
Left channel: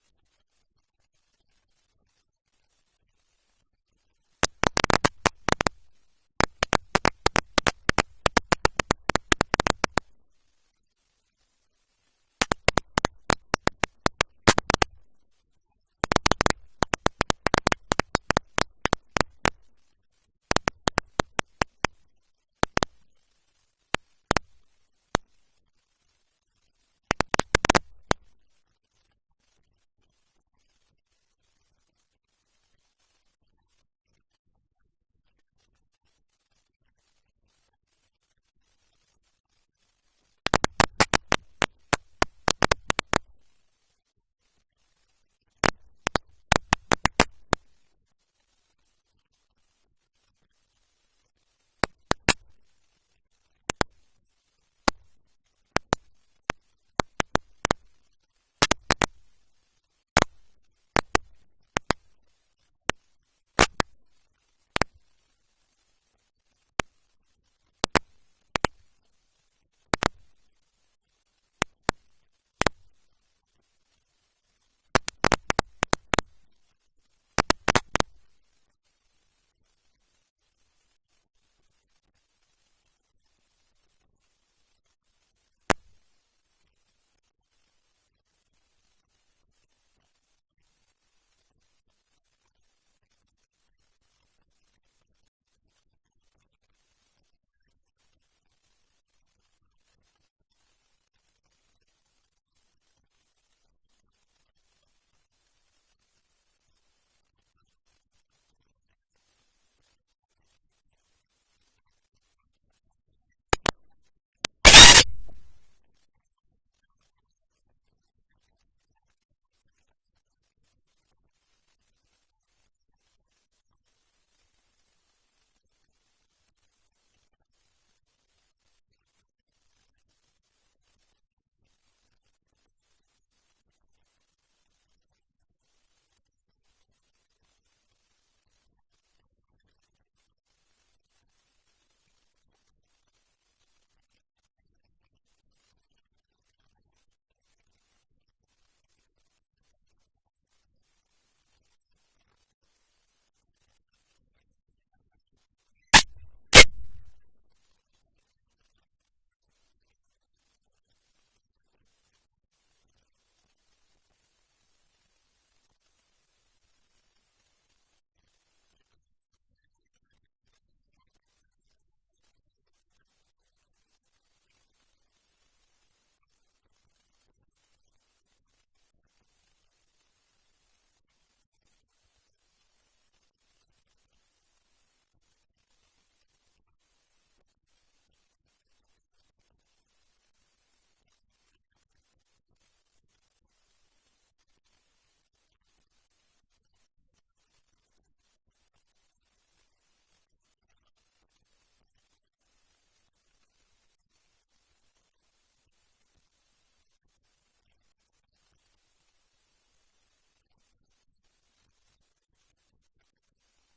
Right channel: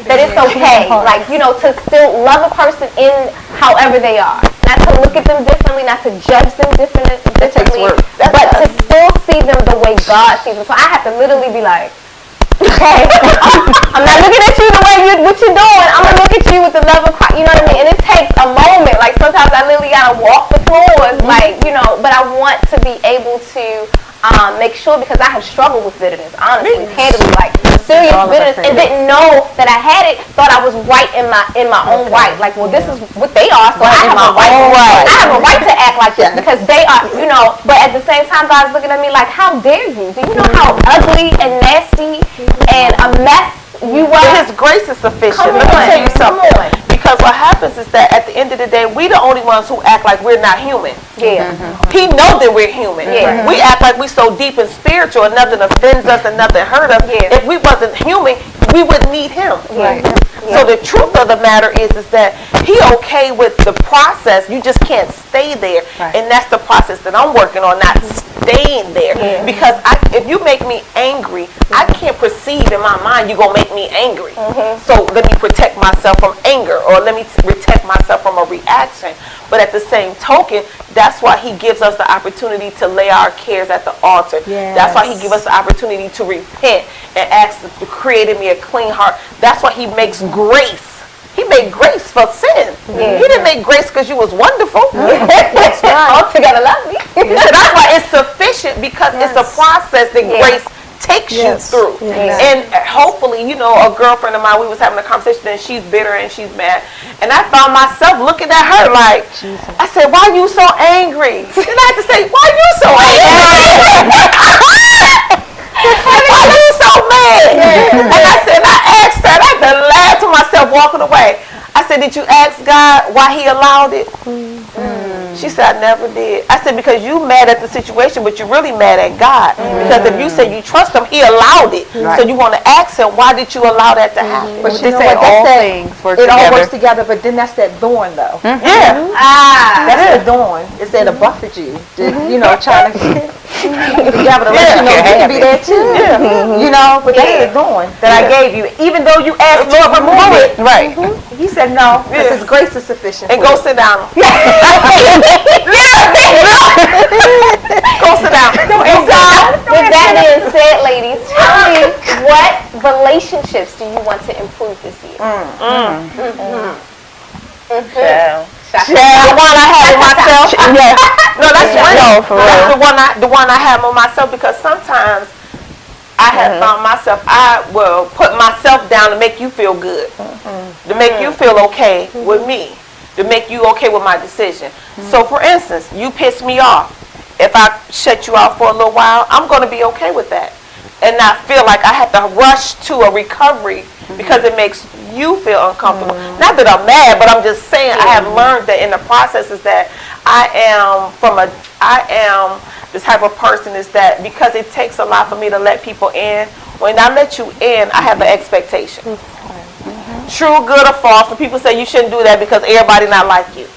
that it's okay. Like, you know, to still love a person in however they are. Not to look at them differently, not to judge them differently, but to still see them the way God sees them. So I have to literally be like, okay, I'm not looking at you the way what you're doing. I'm gonna look at you with the love of Christ. You know what I mean? And it takes a moment. Like sometimes I literally gotta walk the floors, like, you know. But I want to be able to make sure, because I have struggled with bitterness, honestly, candidly, like serious bitterness, and didn't know that I had it. Thought I was right in my own right. Like, well, this is what they are, so I have a right. I have a right to act like this because they are, you know. But at the same time, God's looking at me like, how dare you? Do you know how ugly and nasty and a mess you were? His grace is sufficient. Come Let me on, tell you something. come on. Because what happens is that at the end of the day, we the only ones who act like we're not human. Yeah. He knows that we're human. Yeah. We act like we're so deep and spiritual and nothing offends us and nothing hurt us. Yeah. If we wasn't human, we wouldn't need him. Yeah. So the truth of the matter is that he okay with the process. You just can't stay there. And that's the process that I'm working on, not staying there. Yeah. Because if you make me angry, I can't perceive in my mind you're going to make me angry. So let me protect myself from anger, or let me protect myself from a reaction. But at the same token, that's why he gives us the opportunity to lay our cares at the altar. That's why he gives us the opportunity to repent and ask to create in me a clean heart. That's why he makes grace. He made grace for sin. He didn't make grace because you was wonderful. That's right. Altogether lovely. So that's why it's sufficient, because it's a process that grace takes you through. And hopefully, you know, a girlfriend of mine, we was having a conversation and she's bitter and she's mad. And I found myself looking at her like, I said, why you so angry? And I had to say, why you so angry? Why you so mad? And I said, I asked her, and I had to laugh to myself walking away. I said, did you ask God why he allowed it? She said, I never did. I said, because you mad at the situation, but you're really mad at God. Because if you say you trust him, he allowed it. So you want to ask him, why did you allow that to happen? But you know say what? all That's things work it all together. works together, but then that's that thorn, though. Yeah. That's the thorn. It's there to buffet you. You know, trying to keep you together to let you know you can be there too. You know, but that's the thorn that I gave you. Even though you asked Lord to remove it, Right. he said no, because his grace is sufficient. And for go you. sit down. Go sit down. With that being said, ladies, tell me, what relationships do you want to improve this year? The one I have with myself. No, that's real. for That's the one I have with myself, because sometimes I have found myself, I will put myself down to make you feel good, to make you feel okay with me, to make you okay with my decision. So for instance, you piss me off. If I shut you out for a little while, I'm going to be okay with that and not feel like I have to rush to a recovery because it makes you feel uncomfortable. Not that I'm mad, but I'm just saying I have learned that in the process is that I am the type of person is that because it takes a lot for me to let people in, when I let you in, I have an expectation. True, good, or false. And people say you shouldn't do that because everybody not like you.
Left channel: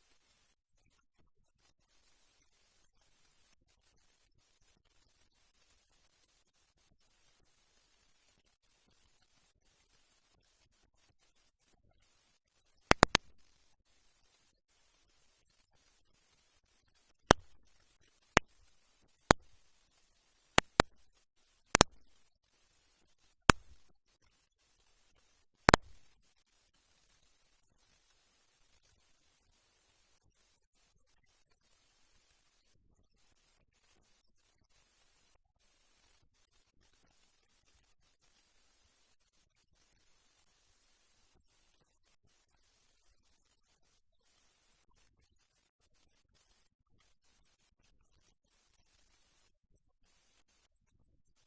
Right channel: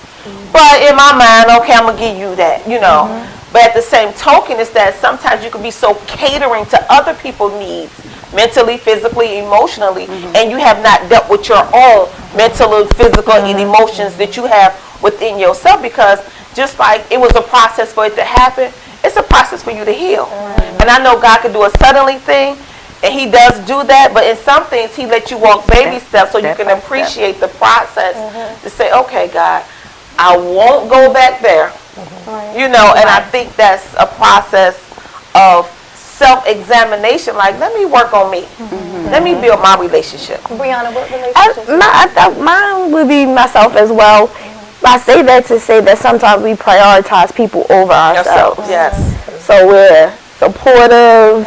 But in my mind, okay, I'm going to give you that, you know. But at the same token is that sometimes you can be so catering to other people's needs, mentally, physically, emotionally, and you have not dealt with your own mental, physical, and emotions that you have within yourself, because just like it was a process for it to happen, it's a process for you to heal. And I know God can do a suddenly thing, and he does do that, but in some things he lets you walk baby steps so you can appreciate the process to say, okay, God, I won't go back there. You know, and I think that's a process of self-examination. Like, let me work on me. Let me build my relationship. Brianna, what relationships? Mine would be myself as well. I say that to say that sometimes we prioritize people over ourselves. Yes. So we're supportive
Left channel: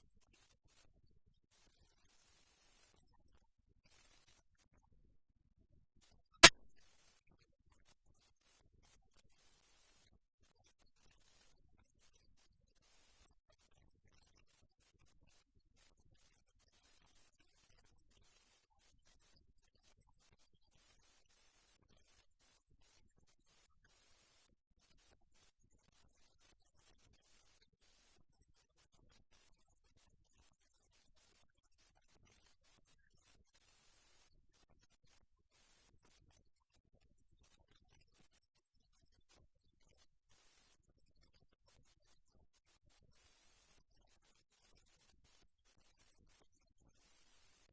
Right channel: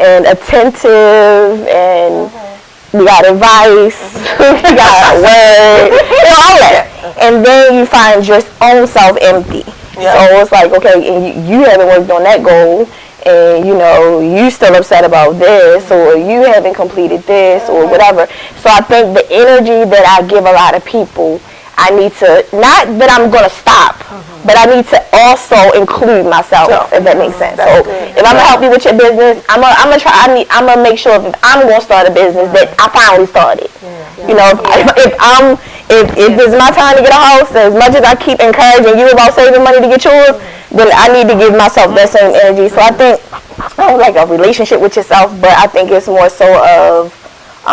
and attentive, and we got advice, we got word, all that. And then you find your own self empty. Yeah. So it's like, okay, and you haven't worked on that goal, and you know, you still upset about this, or you haven't completed this, or whatever. So I think the energy that I give a lot of people, I need to, not that I'm going to stop, but I need to also include myself, if that makes sense. So if I'm going to help you with your business, I'm going to make sure if I'm going to start a business that I finally started. You know, if it's my time to get a house, as much as I keep encouraging you about saving money to get yours, then I need to give myself that same energy. So I think, I don't like a relationship with yourself, but I think it's more so of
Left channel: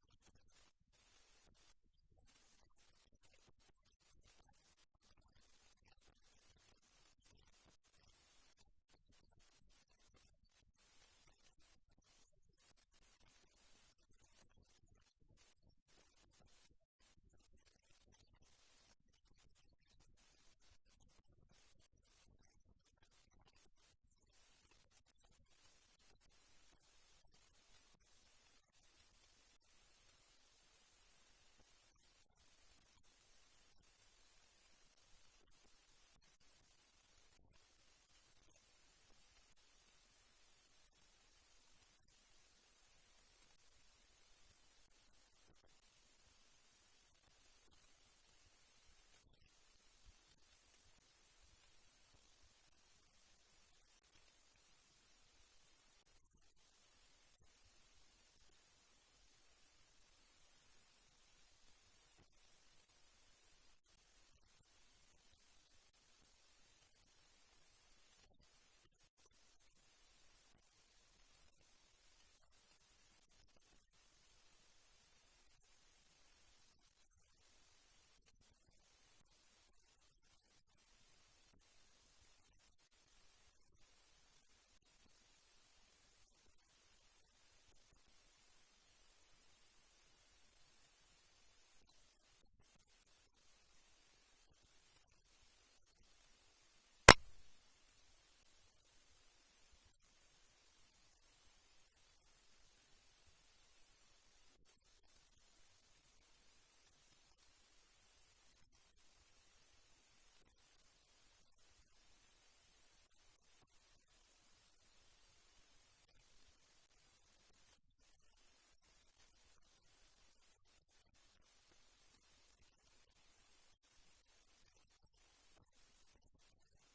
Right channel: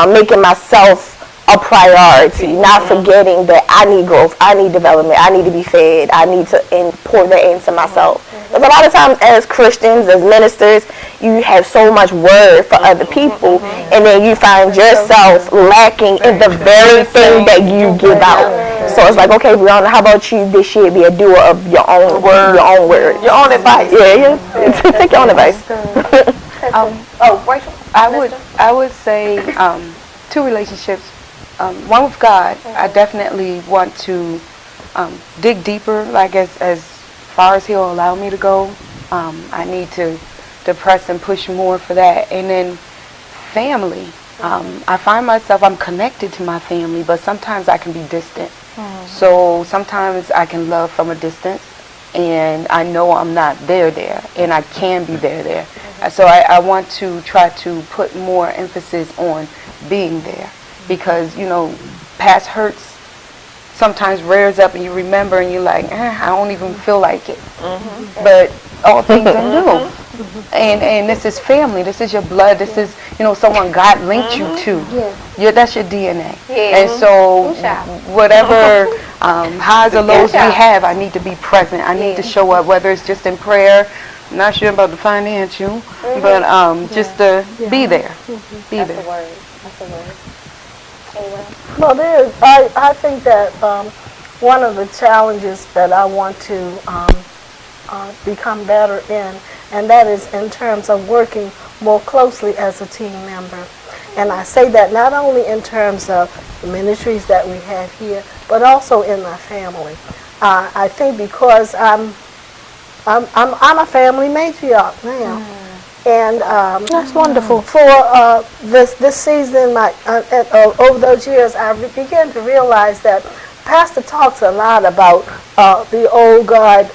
making myself a priority, not forgetting that I need growth, I need development, I need to be fed, I need to pour that into myself. Because a lot of times as Christians, as ministers, you have so much word for other people, and then you find yourself lacking in the very thing that you give out. So it's like, okay, Brianna, how about you this year be a doer of your own word, your own advice. Yeah. Take your own advice. Rachel? I would say 2 relationships. One with God, I definitely want to dig deeper, like as far as He'll allow me to go. I need to press and push more for that. And then family. I find myself, I'm connected to my family, but sometimes I can be distant. So sometimes I can love from a distance, and I know I'm not there, and I can be there. So I want to try to put more emphasis on being there, because, you know, past hurts sometimes rears up and you remember and you're like, I don't even feel like it. But all things are new. And this is family. This is your blood. This is, you know, someone God linked you to. That's your DNA. And so whatever highs or lows we have, I need to be present. I need to show up, whether it's just in prayer. I'm not sure about the financial, but just to be there. Be there. That's a word. That's a word. Anyone? Well, I think that one of the challenges that I want to become better in, and that is in terms of working more closely as a team member. And I say that not only in terms of the ministries that we have here, but also in my family. I think because I'm a family matriarch now. And That's wonderful. For this season, over those years, I began to realize that Pastor talks a lot about the old guard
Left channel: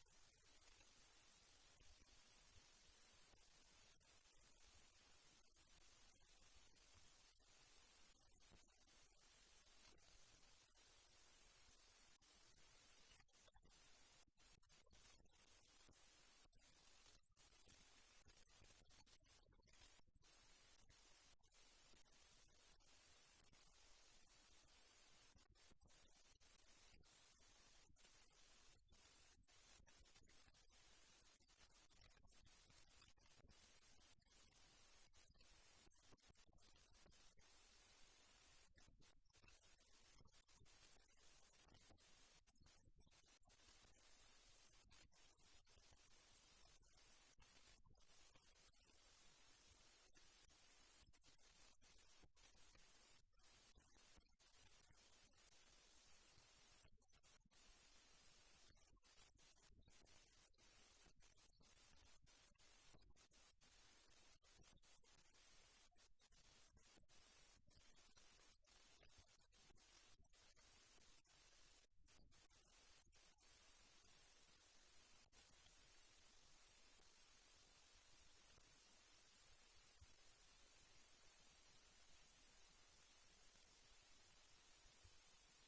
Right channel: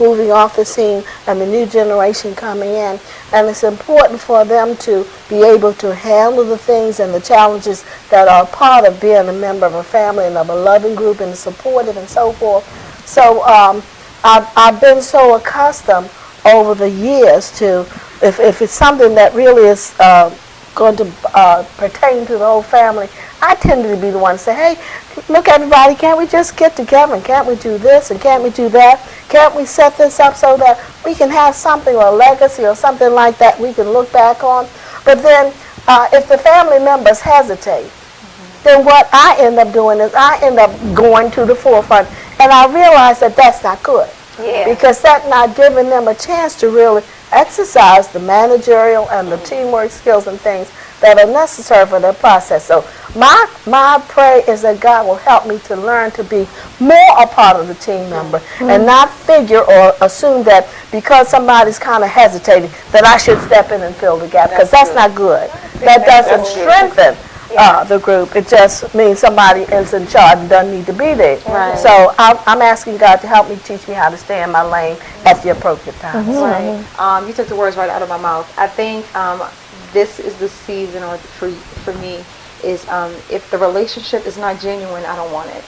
moving off the scene and the new generation coming in. And it's important for them to be able to handle the things and the challenges that are part of being a member of a family and of a loving group and supportive and so forth. So I've been so accustomed over the years to, if it's something that really is going to pertain to the whole family, I tended to be the one to say, hey, look everybody, can't we just get together and can't we do this and can't we do that? Can't we set this up so that we can have something or a legacy or something like that we can look back on? But then if the family members hesitate, then what I end up doing is I end up going to the forefront, and I realize that that's not good. Because that's not giving them a chance to really exercise the managerial and the teamwork skills and things that are necessary for their process. So my prayer is that God will help me to learn to be more a part of the team member and not figure or assume that because somebody's kind of hesitating that I should step in and fill the gap, because that's not good. That doesn't strengthen the group. It just means somebody is in charge and doesn't need to be there. So I'm asking God to help me, teach me how to stay in my lane at the appropriate time. You took the words right out of my mouth. I think this is the season, or for me, is if the relationship is not genuine, I don't want it.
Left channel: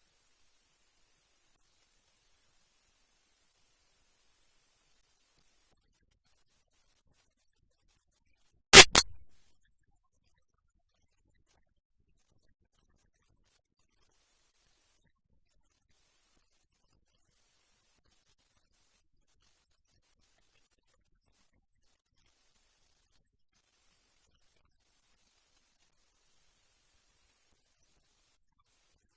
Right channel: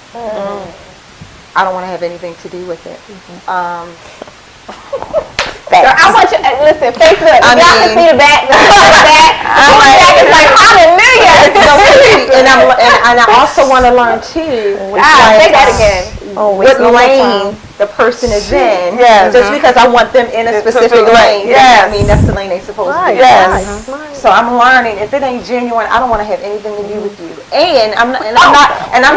I don't want to have anything to do with it. I want you, listen, Facebook, y'all can see the back, it's like, hallelujah. And I also want to learn too, say that again. what lane the person is in. Just because I want them in a specific lane, doesn't mean that's the lane they're supposed to be in. So I'm learning, if it ain't genuine, I don't want to have anything to do with you. And I'm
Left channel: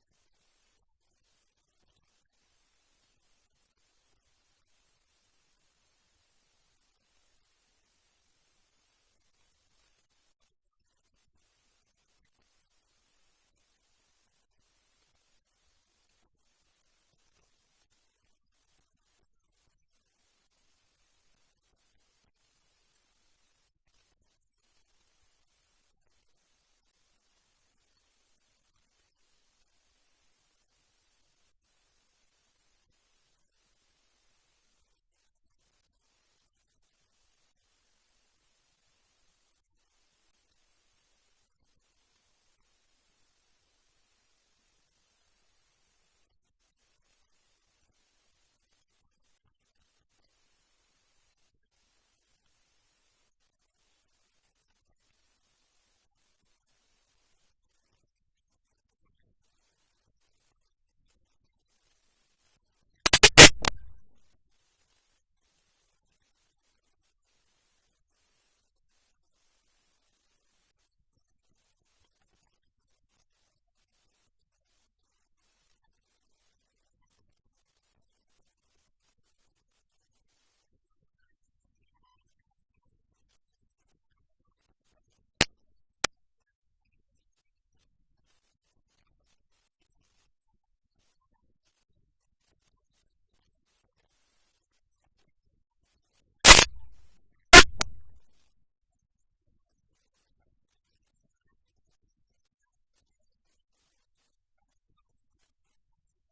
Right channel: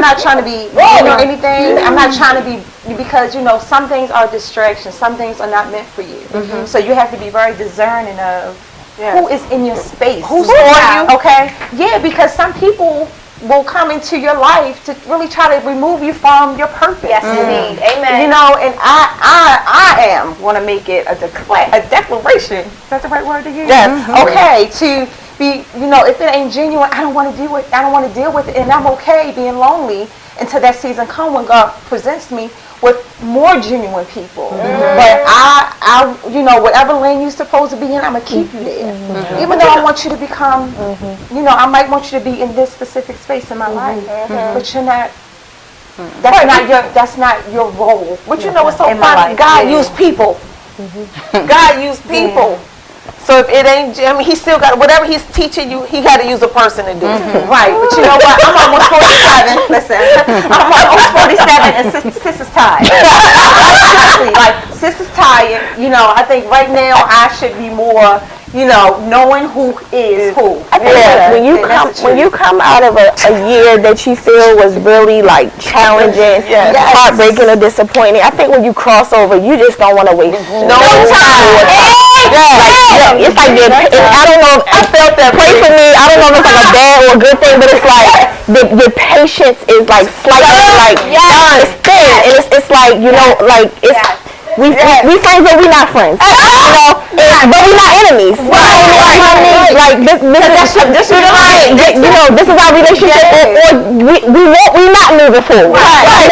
not trying to be mean or anything. I'm not trying to be, because, you know, some things are distractions, some things are not meant for you. So you have to be very discerning of who is in your space. Who's for you? Okay? Yeah, because some people will come into your life to really try to remove you from your purpose. Yes, indeed. Amen. You know, and I want to make it a declaration. Is that the right word to use? Yes. Okay, to be, you know, if it ain't genuine, I don't want to deal with it, and I'm okay being lonely until that season come when God presents me with more genuine people. But I, you know, whatever lane you're supposed to be in, I'm gonna keep you there. Even though I want you to become, you know, I might want you to be in this specific space in my life, but you're not. That's not your role. But you know what's so in my funny? life. God used people. God used people. So if it ain't, I mean, he still got, whatever he's teaching you, he got to use a person to do it. Right, but you know what? I'm almost 47. Listen, I'm almost 47 and sis is tired. Seriously, like, sis is tired. You know, I think right now I should be more, you know, knowing who is who. I think when you come out of a year that you feel was really like challenging, heartbreaking or disappointing, I think when you cross over, you just don't want to waste no time. It's like I don't know. I felt that. Pray for me. I don't know if it's like a bad or a good thing, but it's like the patience is like slightly like it's thin, and it's like, you know, like it's. We friends, but we not friends. You know, but we not enemies. Right. Like this you know, this is our relationship, or we not moving forward. Right.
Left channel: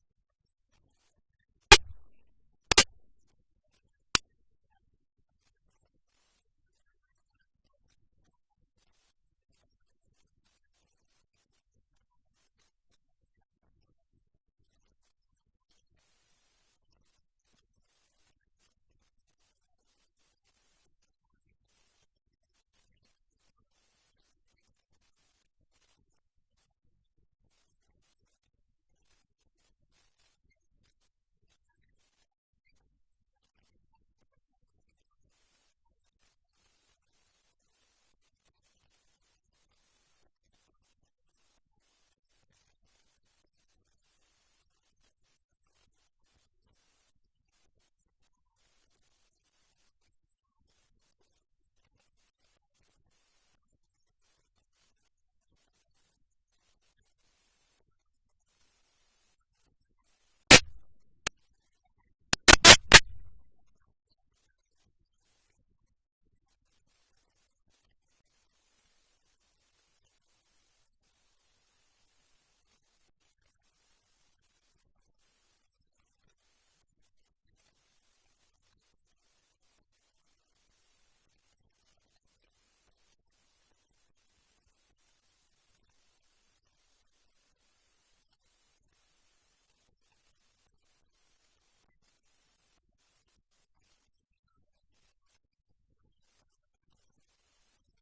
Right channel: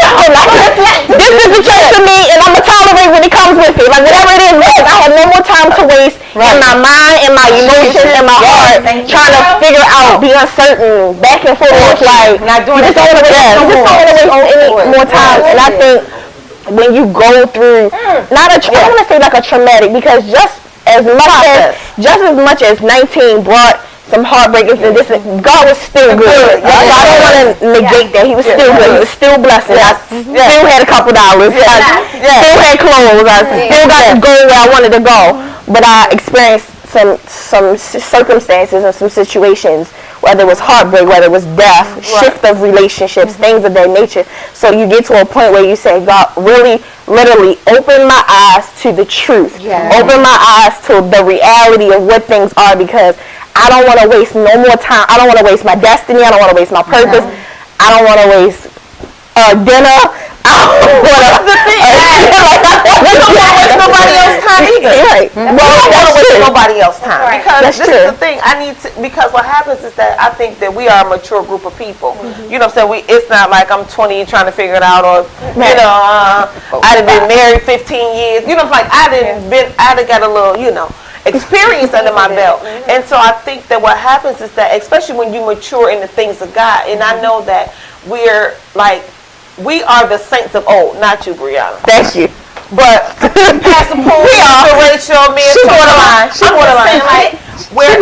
This is the church to me, and I'm gonna tolerate when it comes with it. Like whatever it is, I have no more time to waste in my mind, in my emotions, in my heart, trying to figure out, be uncertain, back and forth. Like not doing this. Don't want to waste any more time, and I think. When you go through, I don't want to say like a traumatic, because just as much as 19 brought some heartbreakers and this, God was still good. So I don't want to negate that. He was still good. He was still blessing. I still had a couple dollars. I still had clothes. I still got to go where I wanted to go. But I experienced some circumstances and some situations, whether it was heartbreak, whether it was death, shift of relationships, things of that nature. So you get to a point where you say, God, really, literally, open my eyes to the truth. Open my eyes to the reality of what things are, because I don't want to waste no more time. I don't want to waste my destiny. I don't want to waste my purpose. I don't want to waste dinner. I don't want to waste nobody else's time either. Right. Well, I don't want to waste nobody else's time. Right. Because this is the thing. Because what happens is that I think that we are a mature group of people. You know what I'm saying? It's not like I'm 20 trying to figure it out, or, you know, I've been married 15 years. You know, like I'd got a little, you know, experience under my belt. And so I think that what happens is that, especially when you mature in the things of God, and I know that we're like, we are the saints of old, not you, Brianna. Thank you. But Pastor Paul, Rachel, me, and borderline. She's borderline. Like, when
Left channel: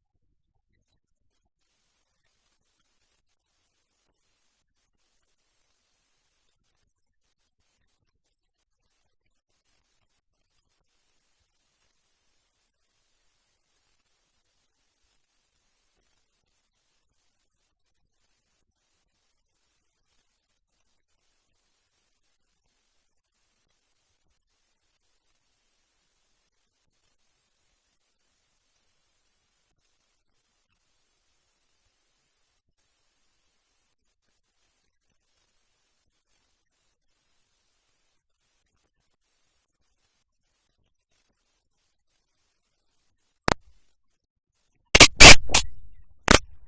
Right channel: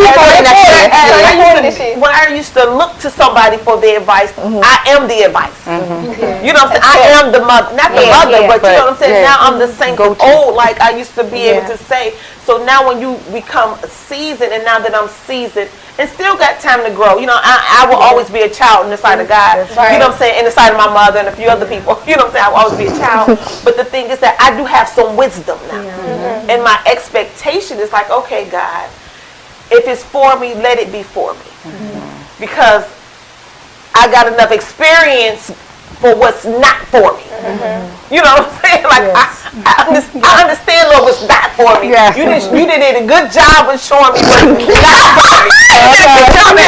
I used to look to somebody for the advice, I am the advice. You know what I'm saying? I am the mother, not the mother, but you know what I'm saying? Now I'm the saint of old, like I used to be able to say. So now when you become seasoned, and now that I'm seasoned, and still got time to grow, you know, I will always be a child in the sight of God. You know what I'm saying? In the sight of my mother and a few other people. You know what I'm saying? I will always be a child. But the thing is that I do have some wisdom now. And my expectation is like, okay, God, if it's for me, let it be for me. Because I got enough experience for what's not for me. You know what I'm saying? Like, I understand, Lord, what's not for me. You did a good job of showing me what's not for me.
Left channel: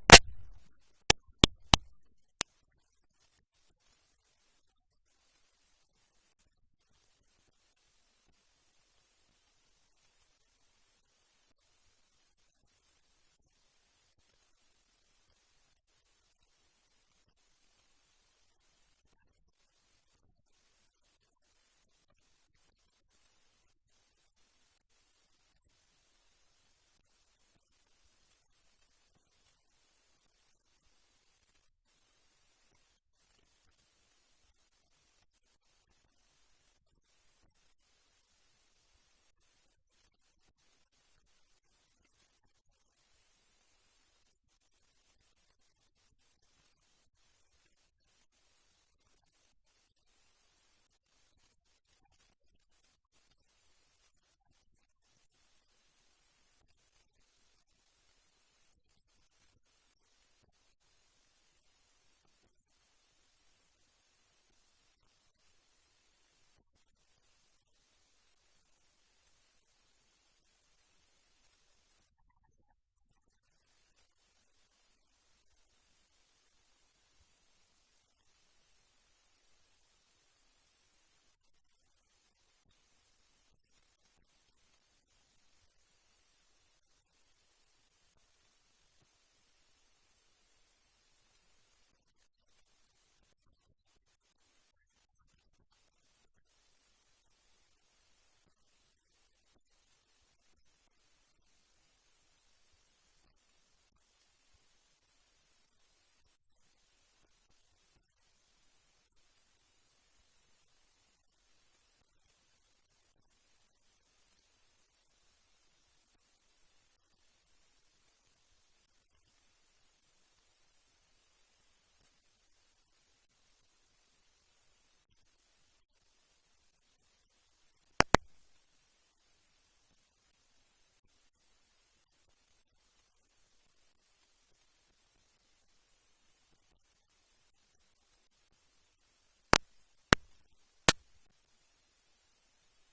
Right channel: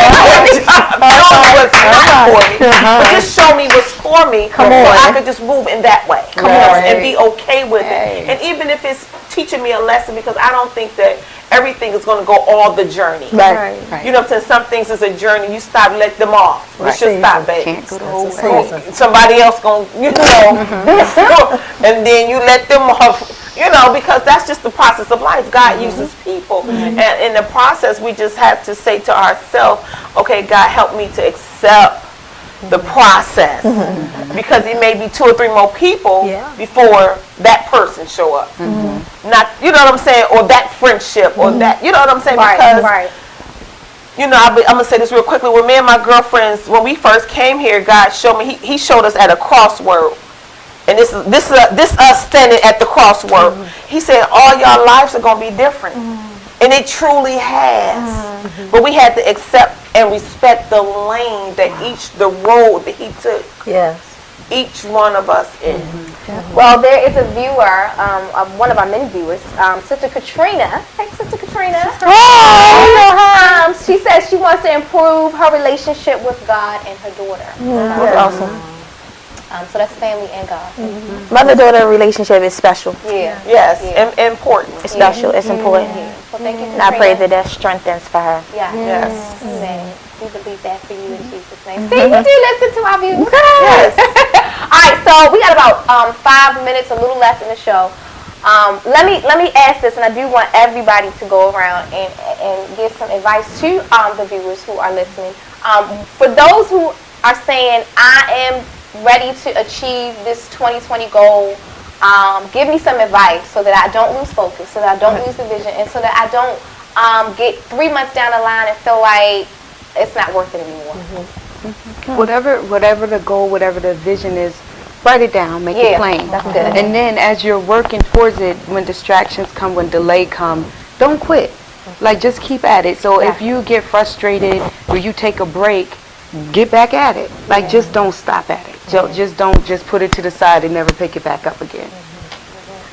What's not for me. But just show me what's for me, so I could just move in that way. And be okay with it. And even if it's teaching me a lesson, because I don't think that everything is going to go all the journey. Right. You know what I'm saying? Some things is a journey. You stop, let them off. You should stop, baby. Can't go the whole way. Somebody else going to, you know, and then you let them off, you know, because that's just the process of life. God uses people. And in the process, we just have to say to ourselves, okay, God, help me to accept the process, because it may be 2 or 3 more people before that person show up. Not, you know what I'm saying, or that friendship, or that, you know what I'm saying, because you know, I'm gonna say this real quickly. When me and my girlfriends, when we first came here, God showed me, he showed us at a crossroad, and this us standing at the crossroad. He said, all y'all lives are gonna be different. And it truly has. But we had to accept and respect the lane that the road that he took. Each one of us in. Well, there is a viewer, one of our many viewers, Sister Katrina. Hey, Sister Katrina. She says she wants to improve her relationship with God and her daughter. That's awesome. So that's family and God. Mother-daughter relationship is special. Yeah. Yes, Yeah. important. It's special. It's important. Well, thank you. And I pray Katrina. that strengthens for her. Yeah. Yes. Amen. We believe that for you in Jesus' name. See, you do listen to our views. Yes. All right, so we got about 5 minutes, a little less in the show. Let me ask this, and I do want everybody to go around and give some advice to the viewers who are listening. For those who are saying, I am ready to achieve this 2020 goal, give me some advice so that I don't lose focus, so that I don't lose the vision, and so that I don't get 3 months down the line and feel like it's not worth it anymore. Whatever the goal, whatever the vision is, write it down, make it plain. That's good. And then as you're working towards it, when distractions come, when delay come, don't quit. Like, just keep at it. So if you get frustrated or you take a break, get back at it. Like, just don't stop at it. Just don't just put it to the side and never pick it back up again.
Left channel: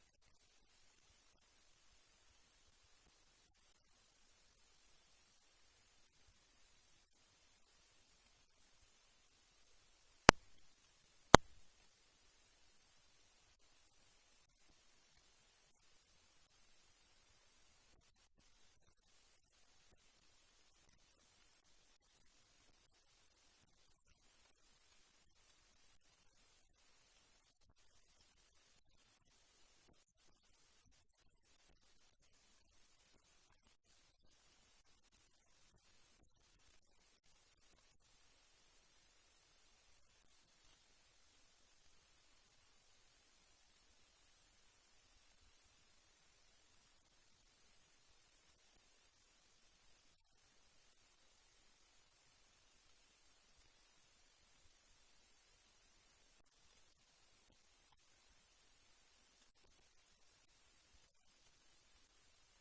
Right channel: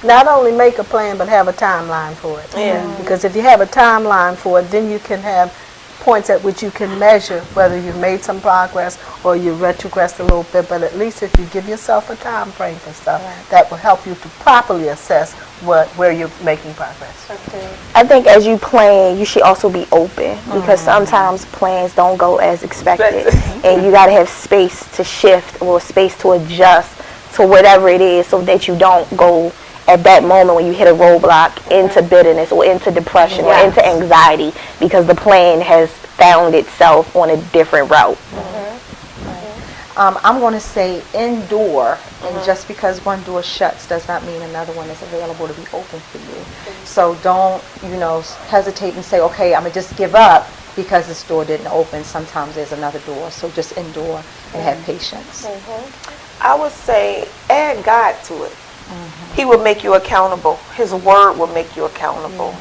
Not only make a plan, but have a timeline for it. Yeah. Because if you have a timeline for it, then you can have points at which you can measure whether you've made some progress or you retrogressed a little bit. But at least if you give yourself a time frame for stuff, that will help you to properly assess where you're making progress. I think as you plan, you should also be open, because sometimes plans don't go as expected, and you got to have space to shift or space to adjust to whatever it is, so that you don't go at that moment when you hit a roadblock into bitterness or into depression or into anxiety, because the plan has found itself on a different route. I'm going to say endure, and just because one door shuts does not mean another one is available to be open for you. So don't, hesitate and say, okay, I'm going to just give up because this door didn't open. Sometimes there's another door. So just endure and have patience. I would say add God to it. He will make you accountable. His word will make you accountable.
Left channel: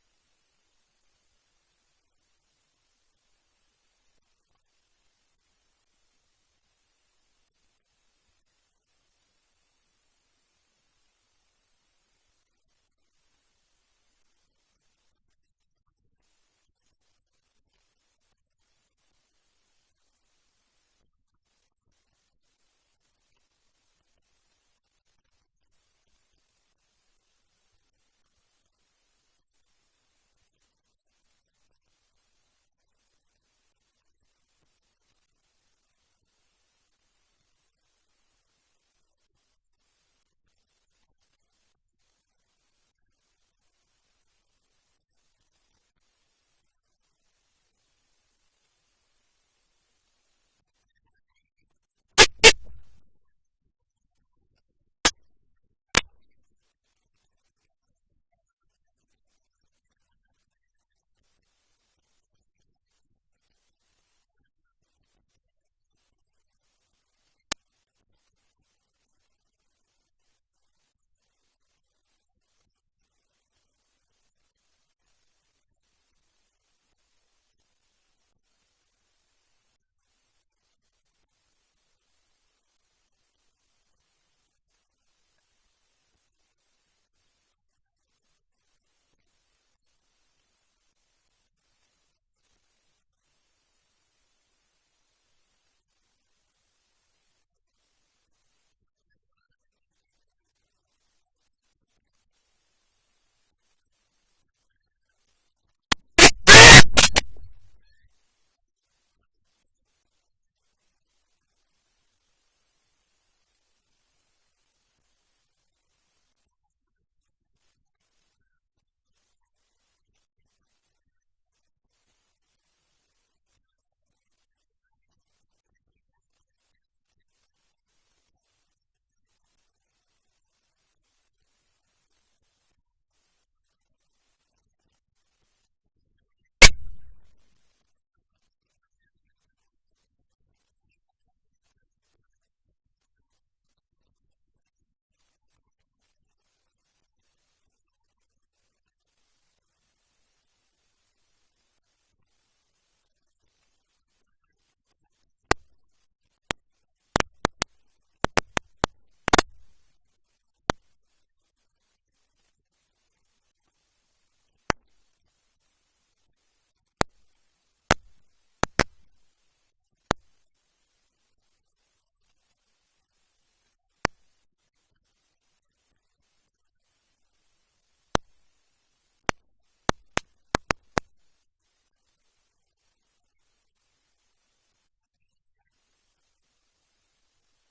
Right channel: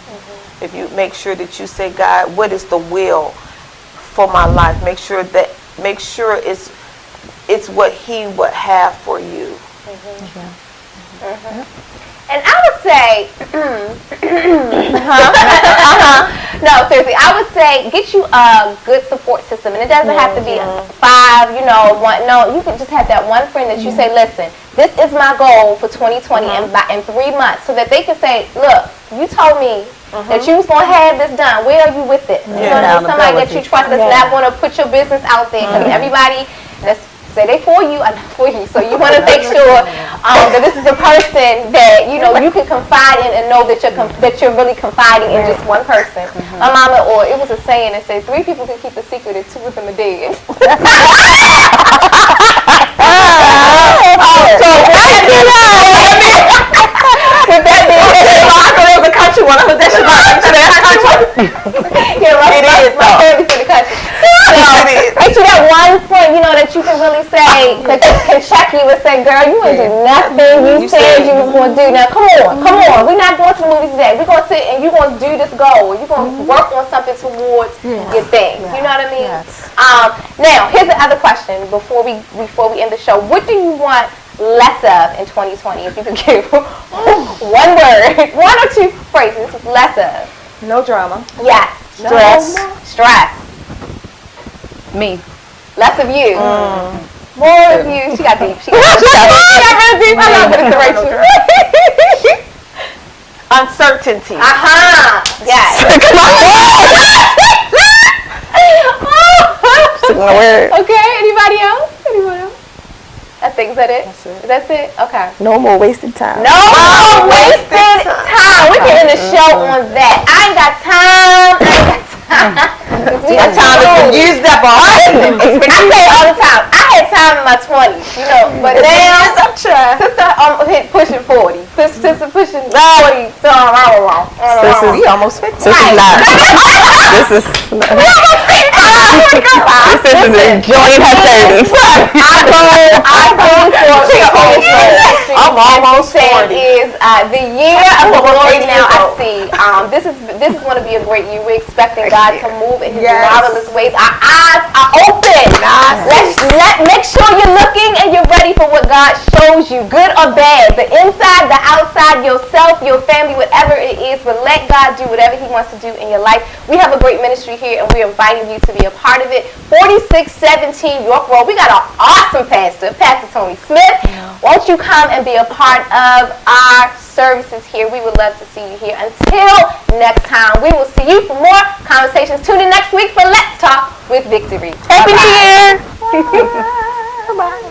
If you make sure that you say, God, what is the will for my life? Make sure it's what He would have for you. And I would say, no, seriously, I would say get you a good support system. And it doesn't have to be 5, one. No, you can just have that one friend that you say, listen, this is my goal for 2020 in 3 months, so that they can say, look, you told me that you was going to have this done. Where are you with it? You know what I mean? Somebody that you trust that's not going to put your business out there, because everybody that's say they for you, I'm not for you. So you want to make sure that this is a person that you can confide in and know that you're really confiding in just one person. My mama, or it was a saying that said 3 people can keep a secret and 2 of them are dead. With that being said, it was a country one. I was that country. Yeah, right. It is. My family's in the country. Ain't you that one friend, that you can really say, that can check you and say, girl, you ain't do nothing you said you was going to do. Now, come on. We're not going to the movies today. We're going to sit and you're going to do this goal. You're going to work on something towards your thing. You know what I mean? Yes. Now, here's the other question before we end the show. What do you want less of in 2020? If you could give one word, 1 or 2 phrases, less of. No drama. Yes. Stress. Me. Less of you. More of you. She got deep. She got really deep. I love it, Rachel. Uncertainty. Yes. Okay. Anybody else? I think, is that it? That's it? Okay. No more wasted time. No more wasted time. We can end the show on that. I ain't got time. That time has been used up already. I say it all the time. I had time in my 20s, but now sister pushing 40. Sister pushing 40. So We almost 50. This is enjoying her 30s. I go for I'm almost 40. Is the year of the Lord now I see. This is going to be a great year. We're expecting God to move in His marvelous ways. Our eyes are open. Make sure you're looking and you're ready for what God shows you, good or bad, the inside, the outside, yourself, your family, whatever it is. But let God do whatever He wants to do in your life. We have a great ministry here, and we're inviting you to be a part part of it. 4617 York Road. We got an awesome pastor, Pastor Tony Smith. Won't you come and be a part of our services here? We would love to see you here. Until next time, we will see you for more conversations. Tune in next week for Let's Talk with Victory. Happy New Year! Bye.